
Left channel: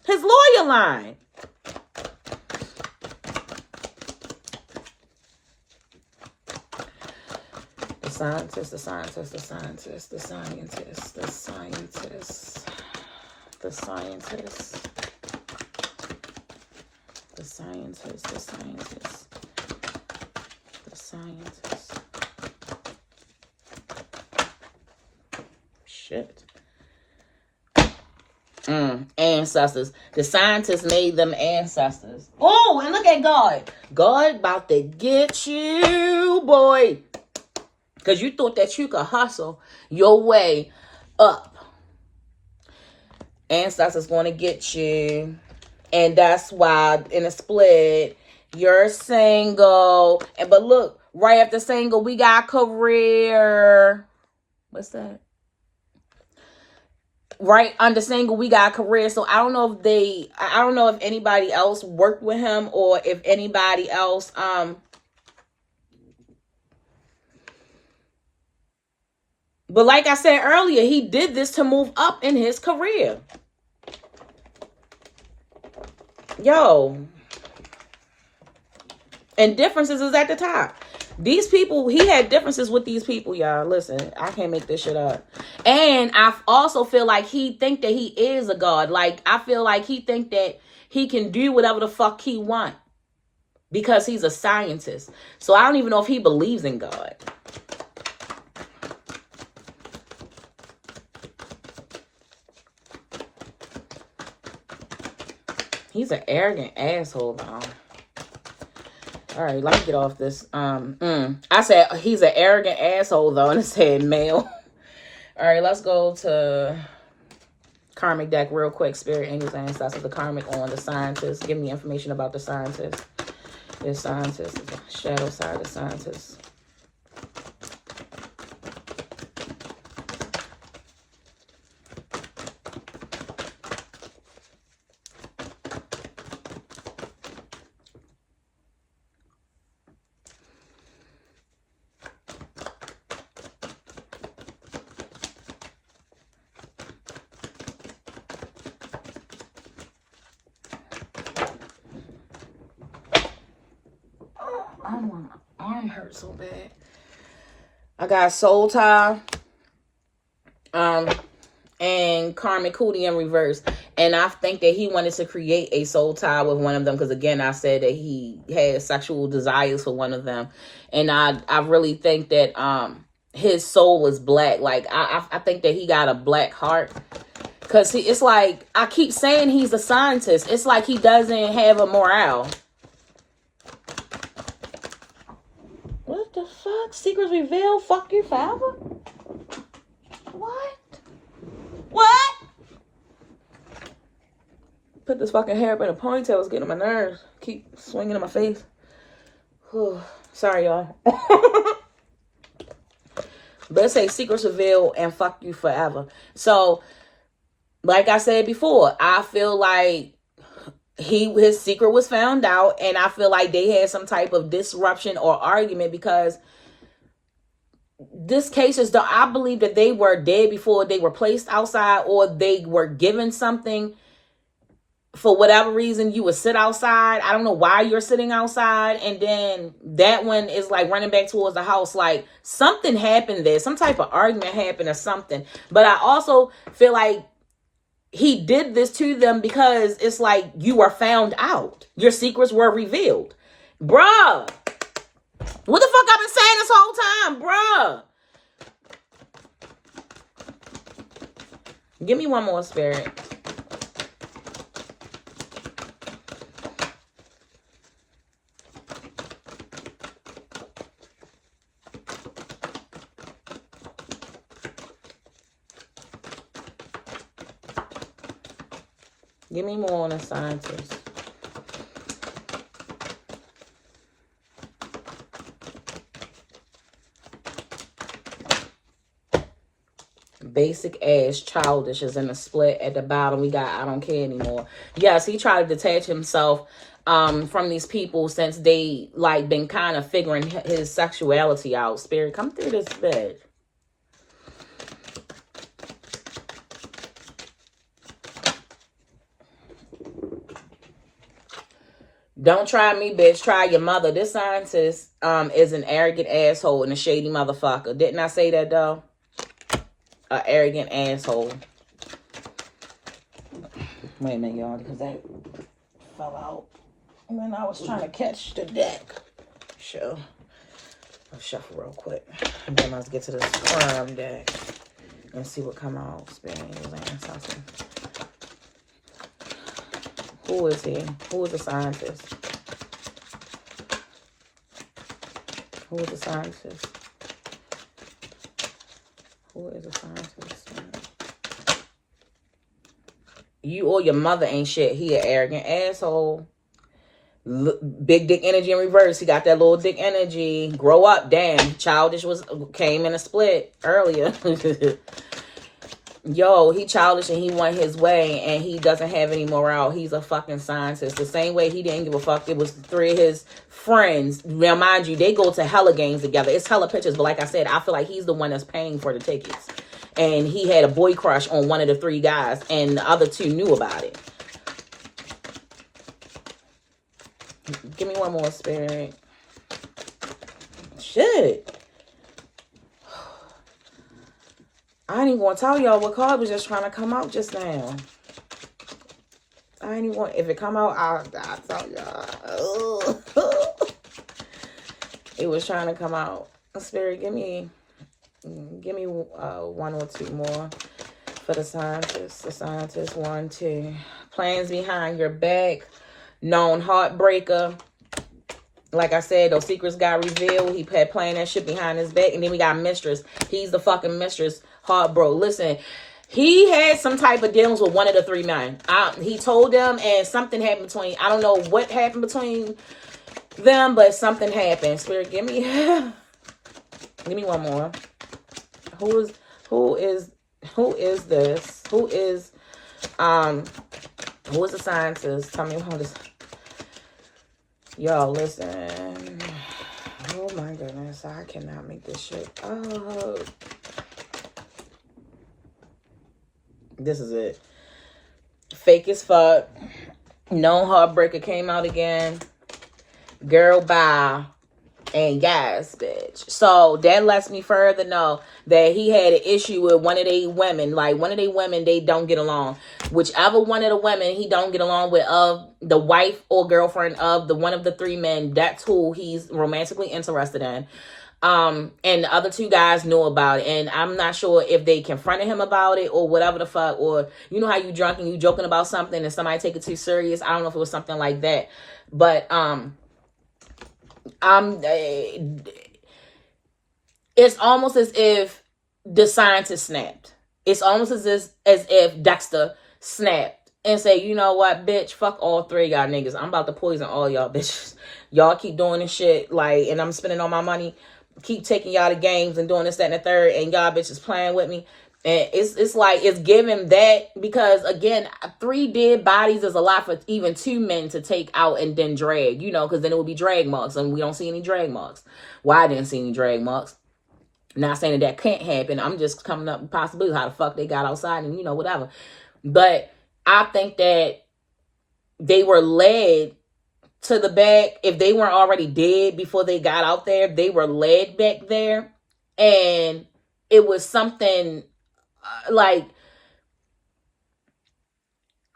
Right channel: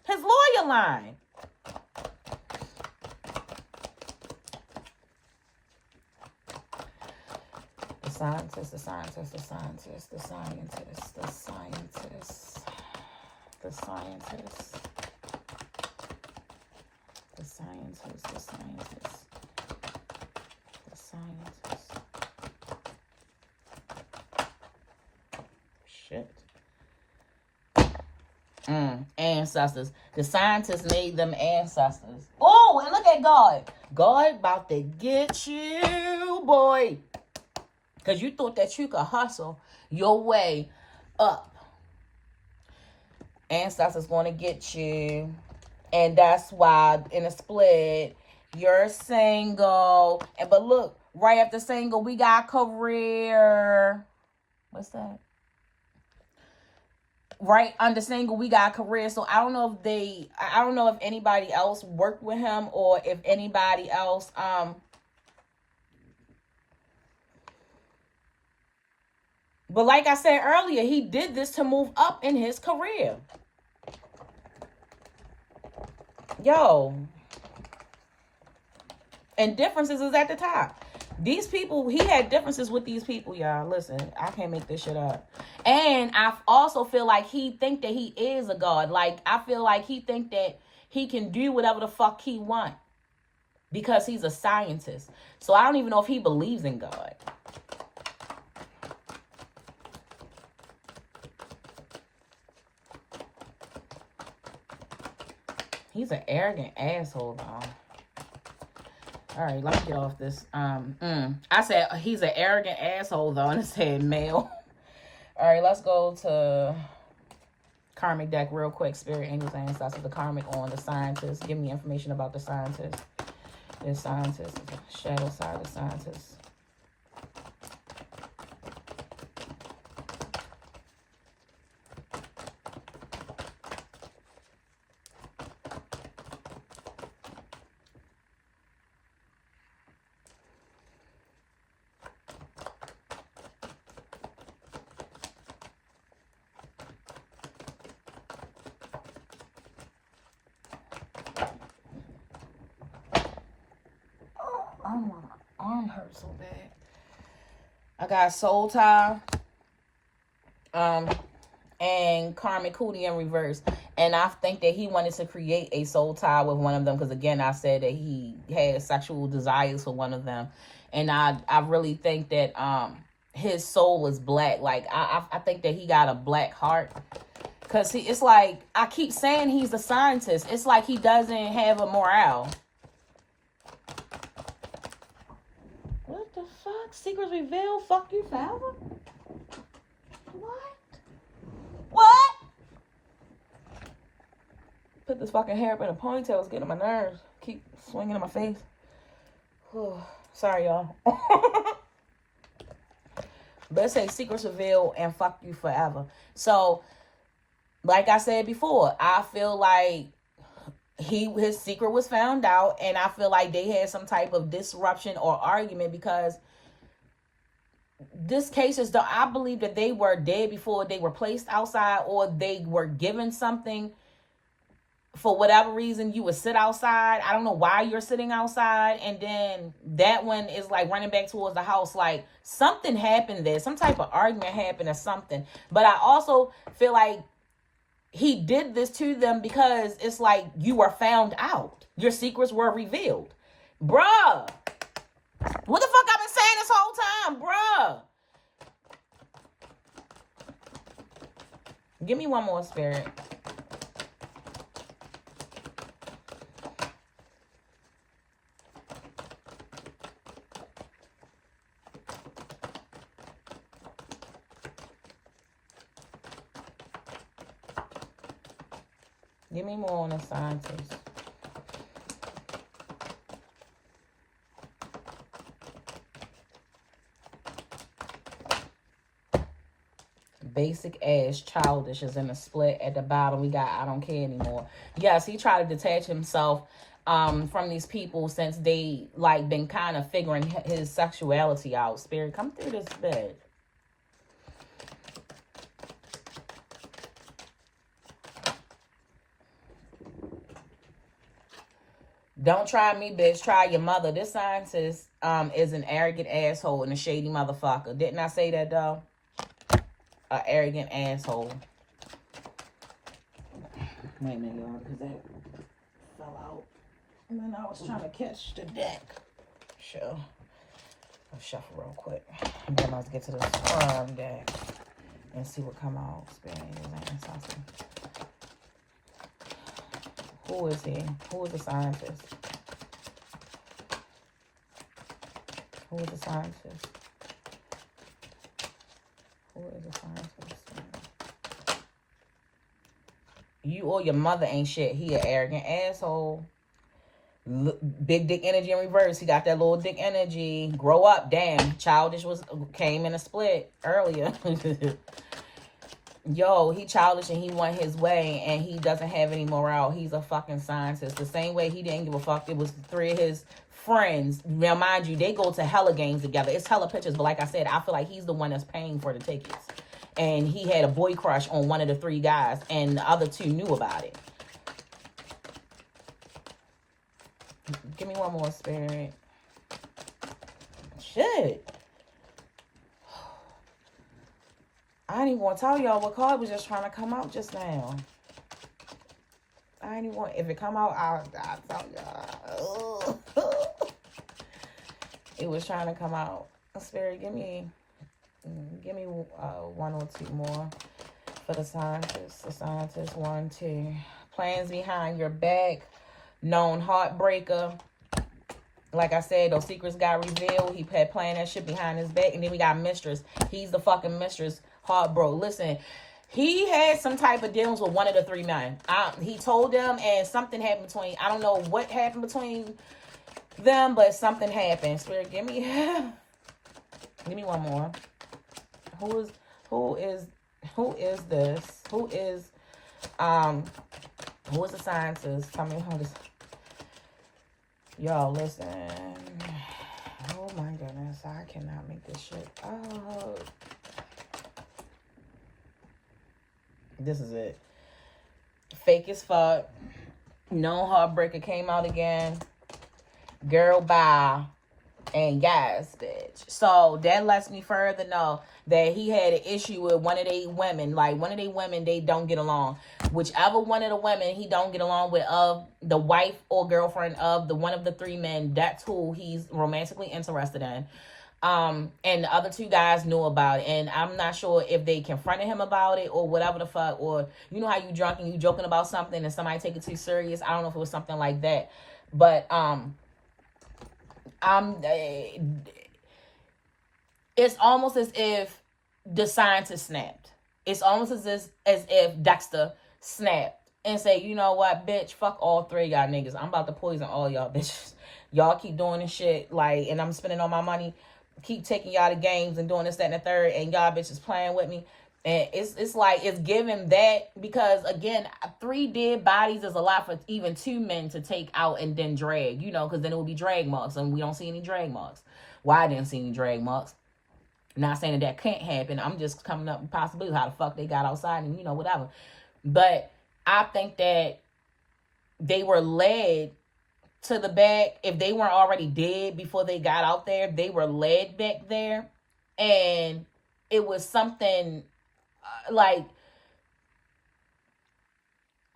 His lawyer lying. The scientist, the scientist, the scientist, the scientist, the scientist, the scientist, the scientist, the scientist, the scientist. Shit. Ancestors. The scientists made them ancestors. Oh, and look at God. God about to get you, boy. Because you thought that you could hustle your way up. Ancestors going to get you. And that's why in a split, you're single. But look, right after single, we got career. What's that? Right under single, we got career. So I don't know if anybody else worked with him, or if anybody else but like I said earlier, he did this to move up in his career. Yo. And differences is at the top. These people, he had differences with these people, y'all. Listen, I can't make this shit up. And I also feel like he think that he is a god. Like, I feel like he think that he can do whatever the fuck he want, because he's a scientist. So I don't even know if he believes in God. He's an arrogant asshole, though. All right, let me get off this. I said he's an arrogant asshole, though, and it said male. All right, let's go to karmic deck real quick. Spirit, angels, ancestors, the karmic on the scientist. Give me information about the scientist. This scientist, the shadow side of the scientist. My arm hurts so bad. I got soul tie, And Carmen Cootie in reverse. And I think that he wanted to create a soul tie with one of them, because again, I said that he had sexual desires for one of them. And I really think that his soul is black. Like I think that he got a black heart. Because it's like, I keep saying he's a scientist. It's like he doesn't have a morale. What the fuck? Secrets revealed? Fuck you forever? What? What? Put this fucking hair up in a ponytail. It's getting on my nerves. Keep swinging in my face. Sorry, y'all. Let's say secrets revealed and fuck you forever. So, like I said before, I feel like his secret was found out, and I feel like they had some type of disruption or argument, because this case is I believe that they were dead before they were placed outside, or they were given something. For whatever reason, you would sit outside. I don't know why you're sitting outside. And then that one is like running back towards the house. Like something happened there. Some type of argument happened or something. But I also feel like he did this to them because it's like you were found out. Your secrets were revealed. Bruh. What the fuck I've been saying this whole time? Bruh. Give me one more, Spirit. Give me more on the scientist. Basic ass childish is in the split at the bottom. We got I don't care anymore. Yes, he tried to detach himself from these people since they like been kind of figuring his sexuality out. Spirit, come through this bed. Don't try me, bitch. Try your mother. This scientist is an arrogant asshole and a shady motherfucker. Didn't I say that, though? An arrogant asshole. Wait a minute, y'all, because that fell out. And then I was trying to catch the deck. Sure. I'll shuffle real quick. And then let's get to this firm deck and see what come out. Something. Who is he? Who is the scientist? Who is the scientist? Who is the scientist? You or your mother ain't shit. He an arrogant asshole. Big dick energy in reverse. He got that little dick energy. Grow up. Damn. Childish came in a split earlier. Yo, he childish and he went his way and he doesn't have any morale. He's a fucking scientist. The same way he didn't give a fuck. It was 3 of his friends. Now, mind you, they go to hella games together. It's hella pictures. But like I said, I feel like he's the one that's paying for the tickets. And he had a boy crush on one of the 3 guys. And the other 2 knew about it. Give me one more, Spirit. Shit. I ain't even want to tell y'all what card was just trying to come out just now. I ain't even want, if it come out, I'll tell y'all. It was trying to come out. Spirit, give me 1 or 2 more for the scientist. The scientist, 1, 2. Plans behind your back. Known heartbreaker. Like I said, those secrets got revealed. He had planned that shit behind his back. And then we got mistress. He's the fucking mistress. Heart bro. Listen, he had some type of dealings with one of the 3 men. He told them, and something happened between. I don't know what happened between them, but something happened. Spirit, give me one more. Who is this? Who is the scientist? Tell me who this. Y'all, listen. Oh my goodness, I cannot make this shit up. This is it. Fake as fuck. No heartbreaker came out again. Girl, bye. And yes, bitch. So that lets me further know that he had an issue with one of they women. Like, one of they women, they don't get along. Whichever one of the women he don't get along with, of the wife or girlfriend of the one of the three men, that's who he's romantically interested in. And the other two guys knew about it, and I'm not sure if they confronted him about it or whatever the fuck, or you know how you drunk and you joking about something and somebody take it too serious. I don't know if it was something like that, but it's almost as if the scientist snapped. It's almost as if Dexter snapped and say, you know what, bitch, fuck all three of y'all niggas. I'm about to poison all y'all bitches. Y'all keep doing this shit, like, and I'm spending all my money, keep taking y'all to games and doing this, that, and the third, and y'all bitches playing with me. And it's like, it's giving that, because again, 3 dead bodies is a lot for even 2 men to take out and then drag, you know, because then it would be drag marks, and we don't see any drag marks. Well, I didn't see any drag marks. Not saying that can't happen. I'm just coming up with possibilities how the fuck they got outside and, you know, whatever. But I think that they were led to the back. If they weren't already dead before they got out there, they were led back there. And it was something like,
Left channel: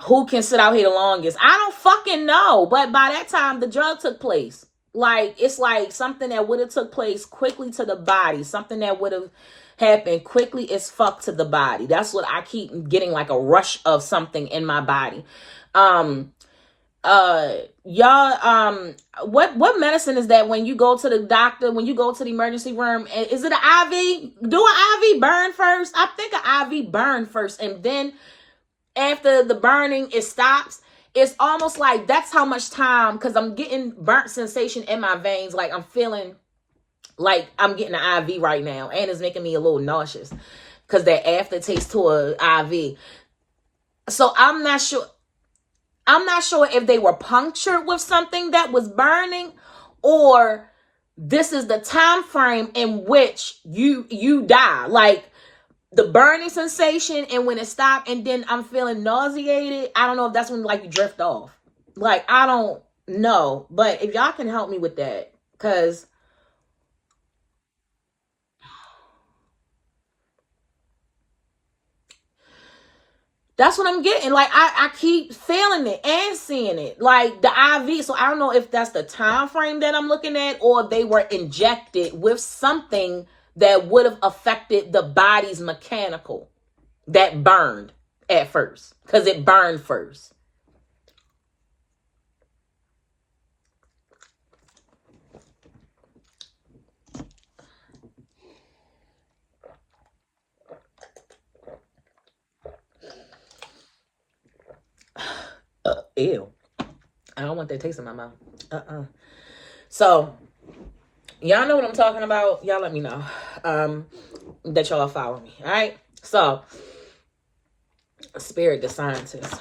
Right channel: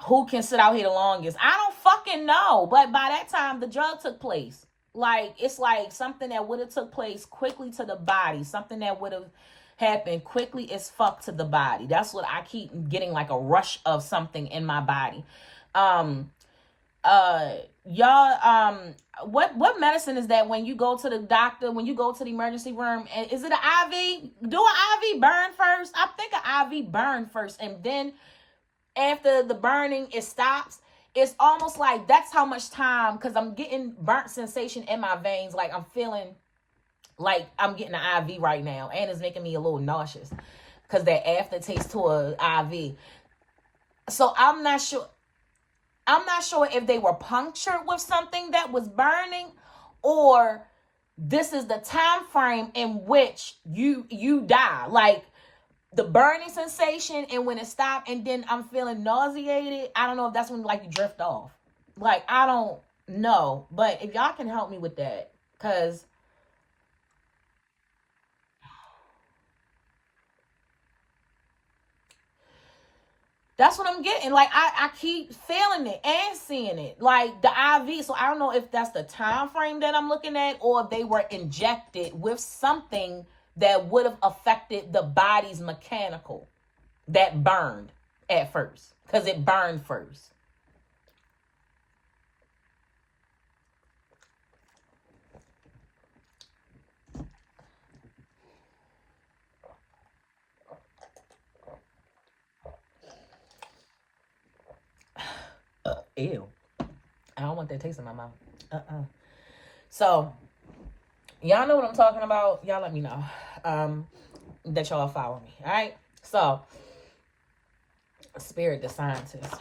who can sit out here the longest? I don't fucking know. But by that time, the drug took place. Like, it's like something that would have took place quickly to the body. Something that would have happened quickly as fuck to the body. That's what I keep getting, like a rush of something in my body. Y'all, what medicine is that when you go to the doctor, when you go to the emergency room? Is it an IV? Do an IV burn first? I think an IV burn first, and then after the burning, it stops. It's almost like that's how much time, because I'm getting burnt sensation in my veins. Like, I'm feeling like I'm getting an IV right now, and it's making me a little nauseous because that aftertaste to an IV. So I'm not sure if they were punctured with something that was burning, or this is the time frame in which you die. Like, the burning sensation, and when it stopped, and then I'm feeling nauseated. I don't know if that's when, like, you drift off. Like, I don't know. But if y'all can help me with that, because that's what I'm getting. Like, I keep feeling it and seeing it. Like, the IV. So I don't know if that's the time frame that I'm looking at, or they were injected with something that would have affected the body's mechanical that burned at first, because it burned first. Ew. I don't want that taste in my mouth. So, y'all know what I'm talking about. Y'all let me know that y'all follow me. All right. So, Spirit, the scientist.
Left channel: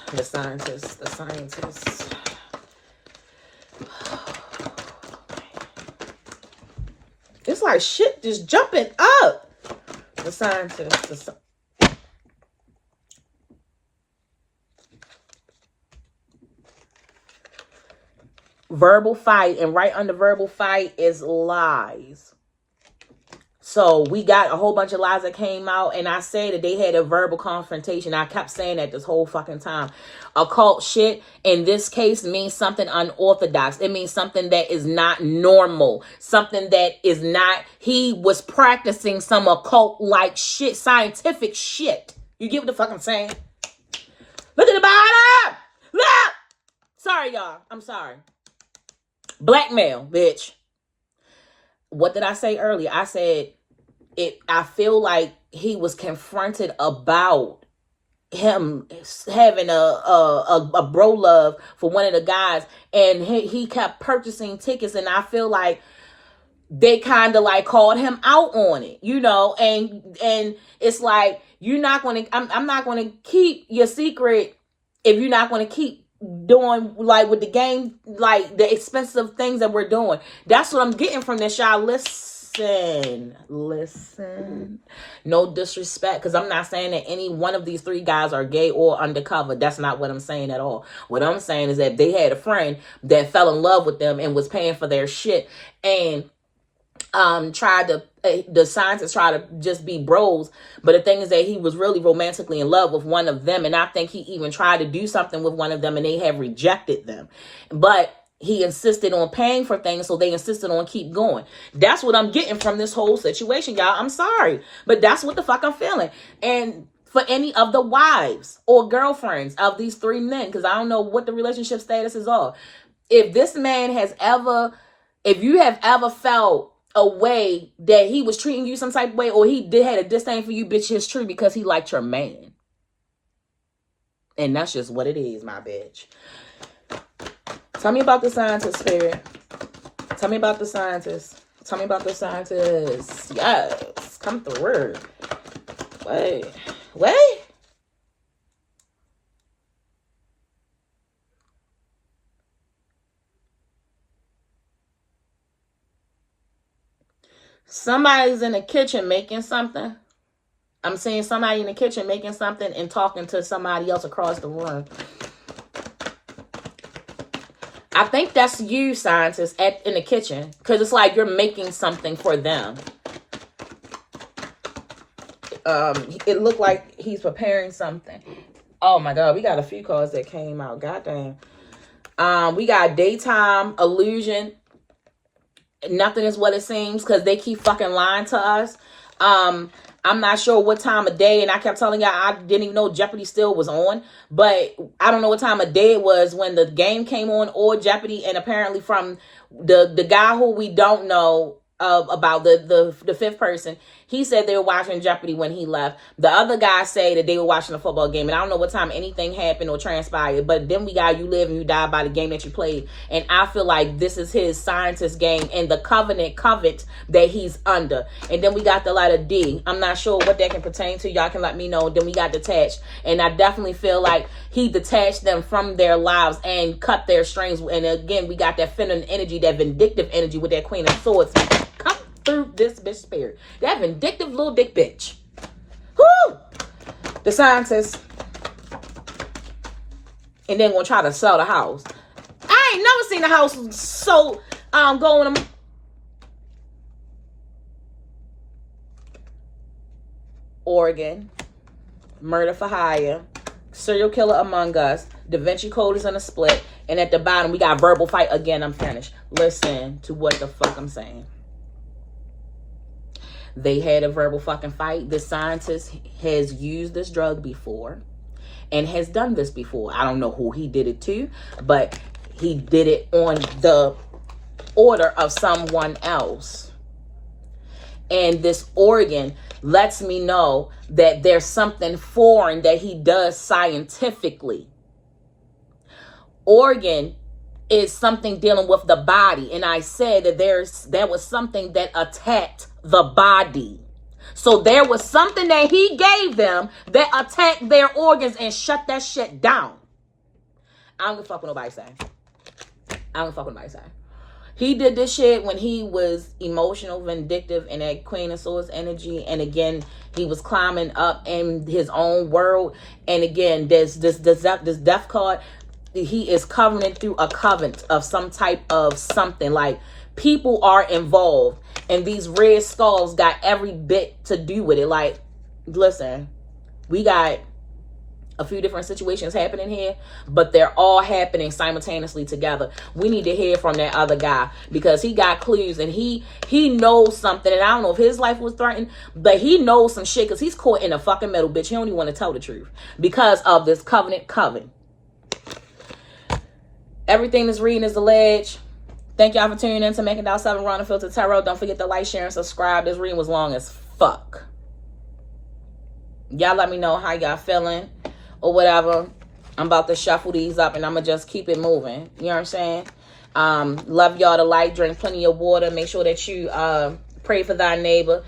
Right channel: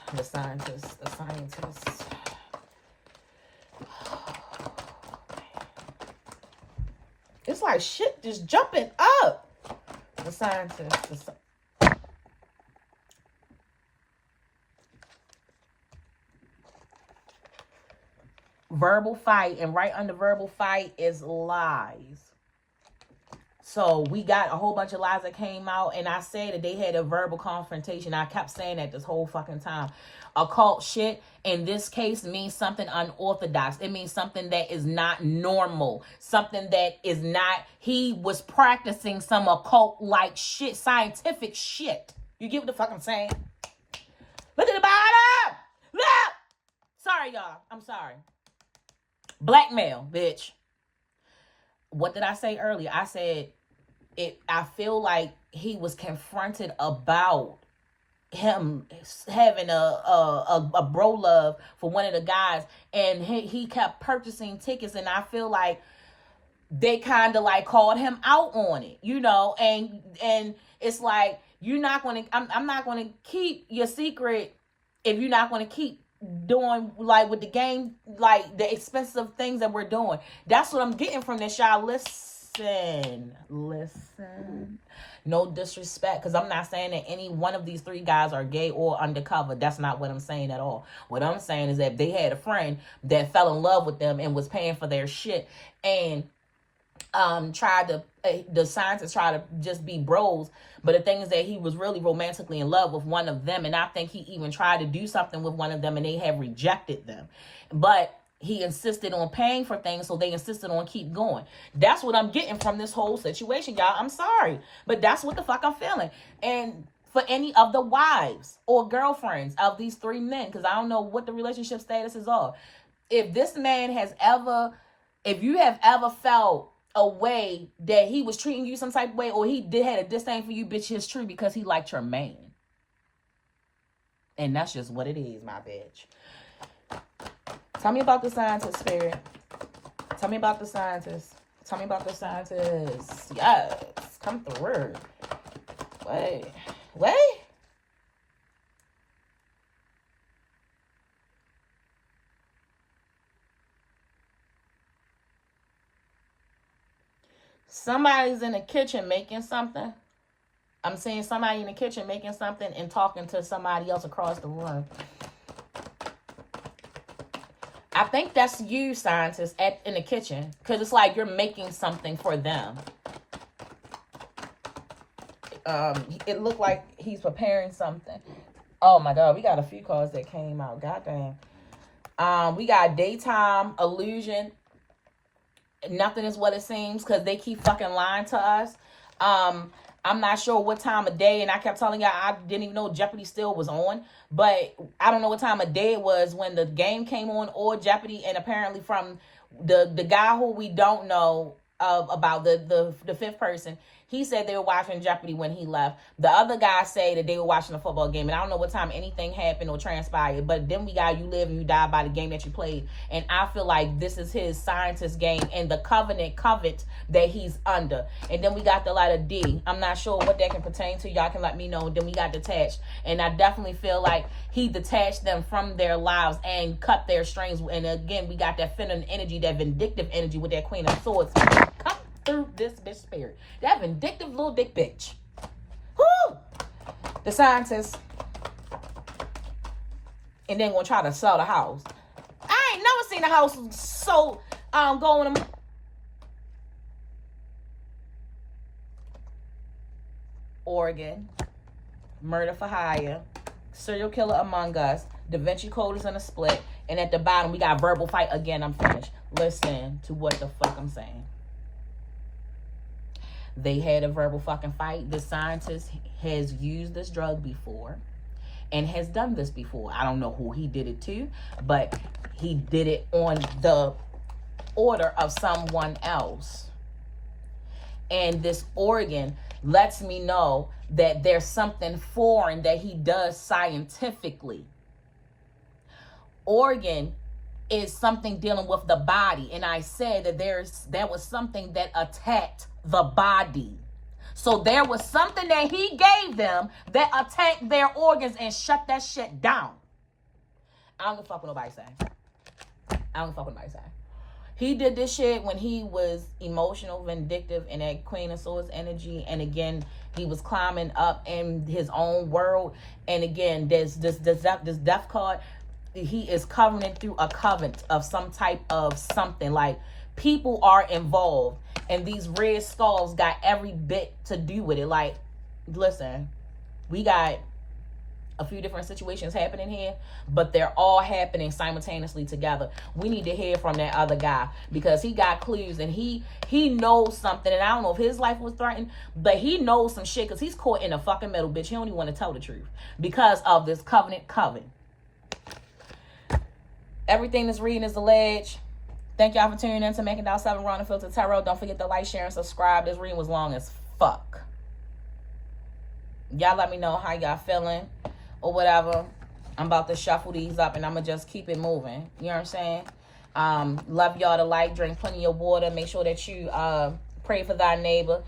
It's like shit just jumping up. The scientist. Verbal fight, and right under verbal fight is lies. So we got a whole bunch of lies that came out, and I said that they had a verbal confrontation. I kept saying that this whole fucking time. Occult shit in this case means something unorthodox. It means something that is not normal. Something that is not, he was practicing some occult like shit, scientific shit. You get what the fuck I'm saying? Look at the bottom! Look! Sorry, y'all. I'm sorry. Blackmail, bitch. What did I say earlier? I said I feel like he was confronted about him having a bro love for one of the guys, and he kept purchasing tickets, and I feel like they kind of like called him out on it, you know, and it's like, I'm not going to keep your secret if you're not going to keep doing, like, with the game, like the expensive things that we're doing. That's what I'm getting from this, y'all. Listen. No disrespect, because I'm not saying that any one of these 3 guys are gay or undercover. That's not what I'm saying at all. What I'm saying is that they had a friend that fell in love with them and was paying for their shit, and tried to the scientists try to just be bros, but the thing is that he was really romantically in love with one of them, and I think he even tried to do something with one of them and they have rejected them, but he insisted on paying for things, so they insisted on keep going. That's what I'm getting from this whole situation, y'all. I'm sorry, but that's what the fuck I'm feeling. And for any of the wives or girlfriends of these three men, because I don't know what the relationship status is all, if this man has ever, if you have ever felt a way that he was treating you some type of way, or he had a disdain for you, bitch, it's true, because he liked your man. And that's just what it is, my bitch. Tell me about the scientist, spirit. Tell me about the scientist. Tell me about the scientist. Yes, come through. Wait. Somebody's in the kitchen making something. I'm seeing somebody in the kitchen making something and talking to somebody else across the room. I think that's you, scientist, in the kitchen. Because it's like you're making something for them. It looked like he's preparing something. Oh my God, we got a few cards that came out. Goddamn. We got daytime illusion. Nothing is what it seems, because they keep fucking lying to us. I'm not sure what time of day, and I kept telling y'all I didn't even know Jeopardy still was on, but I don't know what time of day it was when the game came on, or Jeopardy. And apparently from the guy who we don't know about, the fifth person, he said they were watching Jeopardy when he left. The other guy say that they were watching a football game, and I don't know what time anything happened or transpired, but then we got you live and you die by the game that you played. And I feel like this is his scientist game and the covenant that he's under. And then we got the letter D. I'm not sure what that can pertain to. Y'all can let me know. Then we got detached, and I definitely feel like he detached them from their lives and cut their strings. And again, we got that feminine energy, that vindictive energy with that Queen of Swords. Come through this bitch spirit. That vindictive little dick bitch. Whoo! The scientist. And then gonna try to sell the house. I ain't never seen a house so going Oregon. Murder for hire. Serial killer among us. Da Vinci Code is in a split. And at the bottom we got verbal fight. Again, I'm finished. Listen to what the fuck I'm saying. They had a verbal fucking fight. The scientist has used this drug before and has done this before. I don't know who he did it to, but he did it on the order of someone else. And this organ lets me know that there's something foreign that he does scientifically. Organ is something dealing with the body. And I said that there was something that attacked the body. So there was something that he gave them that attacked their organs and shut that shit down. I don't give a fuck what nobody say. I don't give a fuck what nobody say. He did this shit when he was emotional, vindictive, and that Queen of Swords energy. And again, he was climbing up in his own world. And again, this death card, he is covering through a covenant of some type of something. Like, people are involved, and these red skulls got every bit to do with it. Like, listen, we got a few different situations happening here, but they're all happening simultaneously together. We need to hear from that other guy, because he got clues, and he knows something. And I don't know if his life was threatened, but he knows some shit, because he's caught in a fucking middle, bitch. He don't even want to tell the truth because of this covenant. Everything this reading is alleged. Thank y'all for tuning in to Making Down 7 Run Filter Tarot. Don't forget to like, share, and subscribe. This reading was long as fuck. Y'all let me know how y'all feeling or whatever. I'm about to shuffle these up, and I'm going to just keep it moving. You know what I'm saying? Love y'all to like, drink plenty of water. Make sure that you pray for thy neighbor.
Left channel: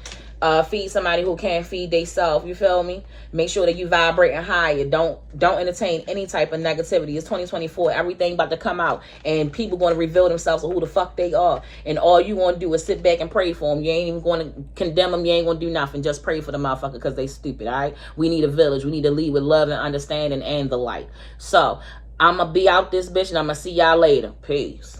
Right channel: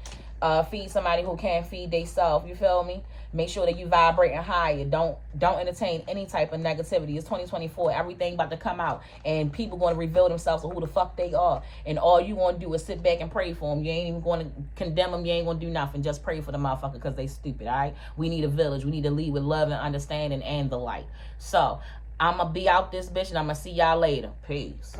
Feed somebody who can't feed themselves. You feel me? Make sure that you vibrating higher. Don't entertain any type of negativity. It's 2024. Everything about to come out, and people going to reveal themselves of who the fuck they are. And all you want to do is sit back and pray for them. You ain't even going to condemn them. You ain't going to do nothing. Just pray for the motherfucker, because they stupid. All right? We need a village. We need to lead with love and understanding and the light. So I'm gonna be out this bitch, and I'm gonna see y'all later. Peace.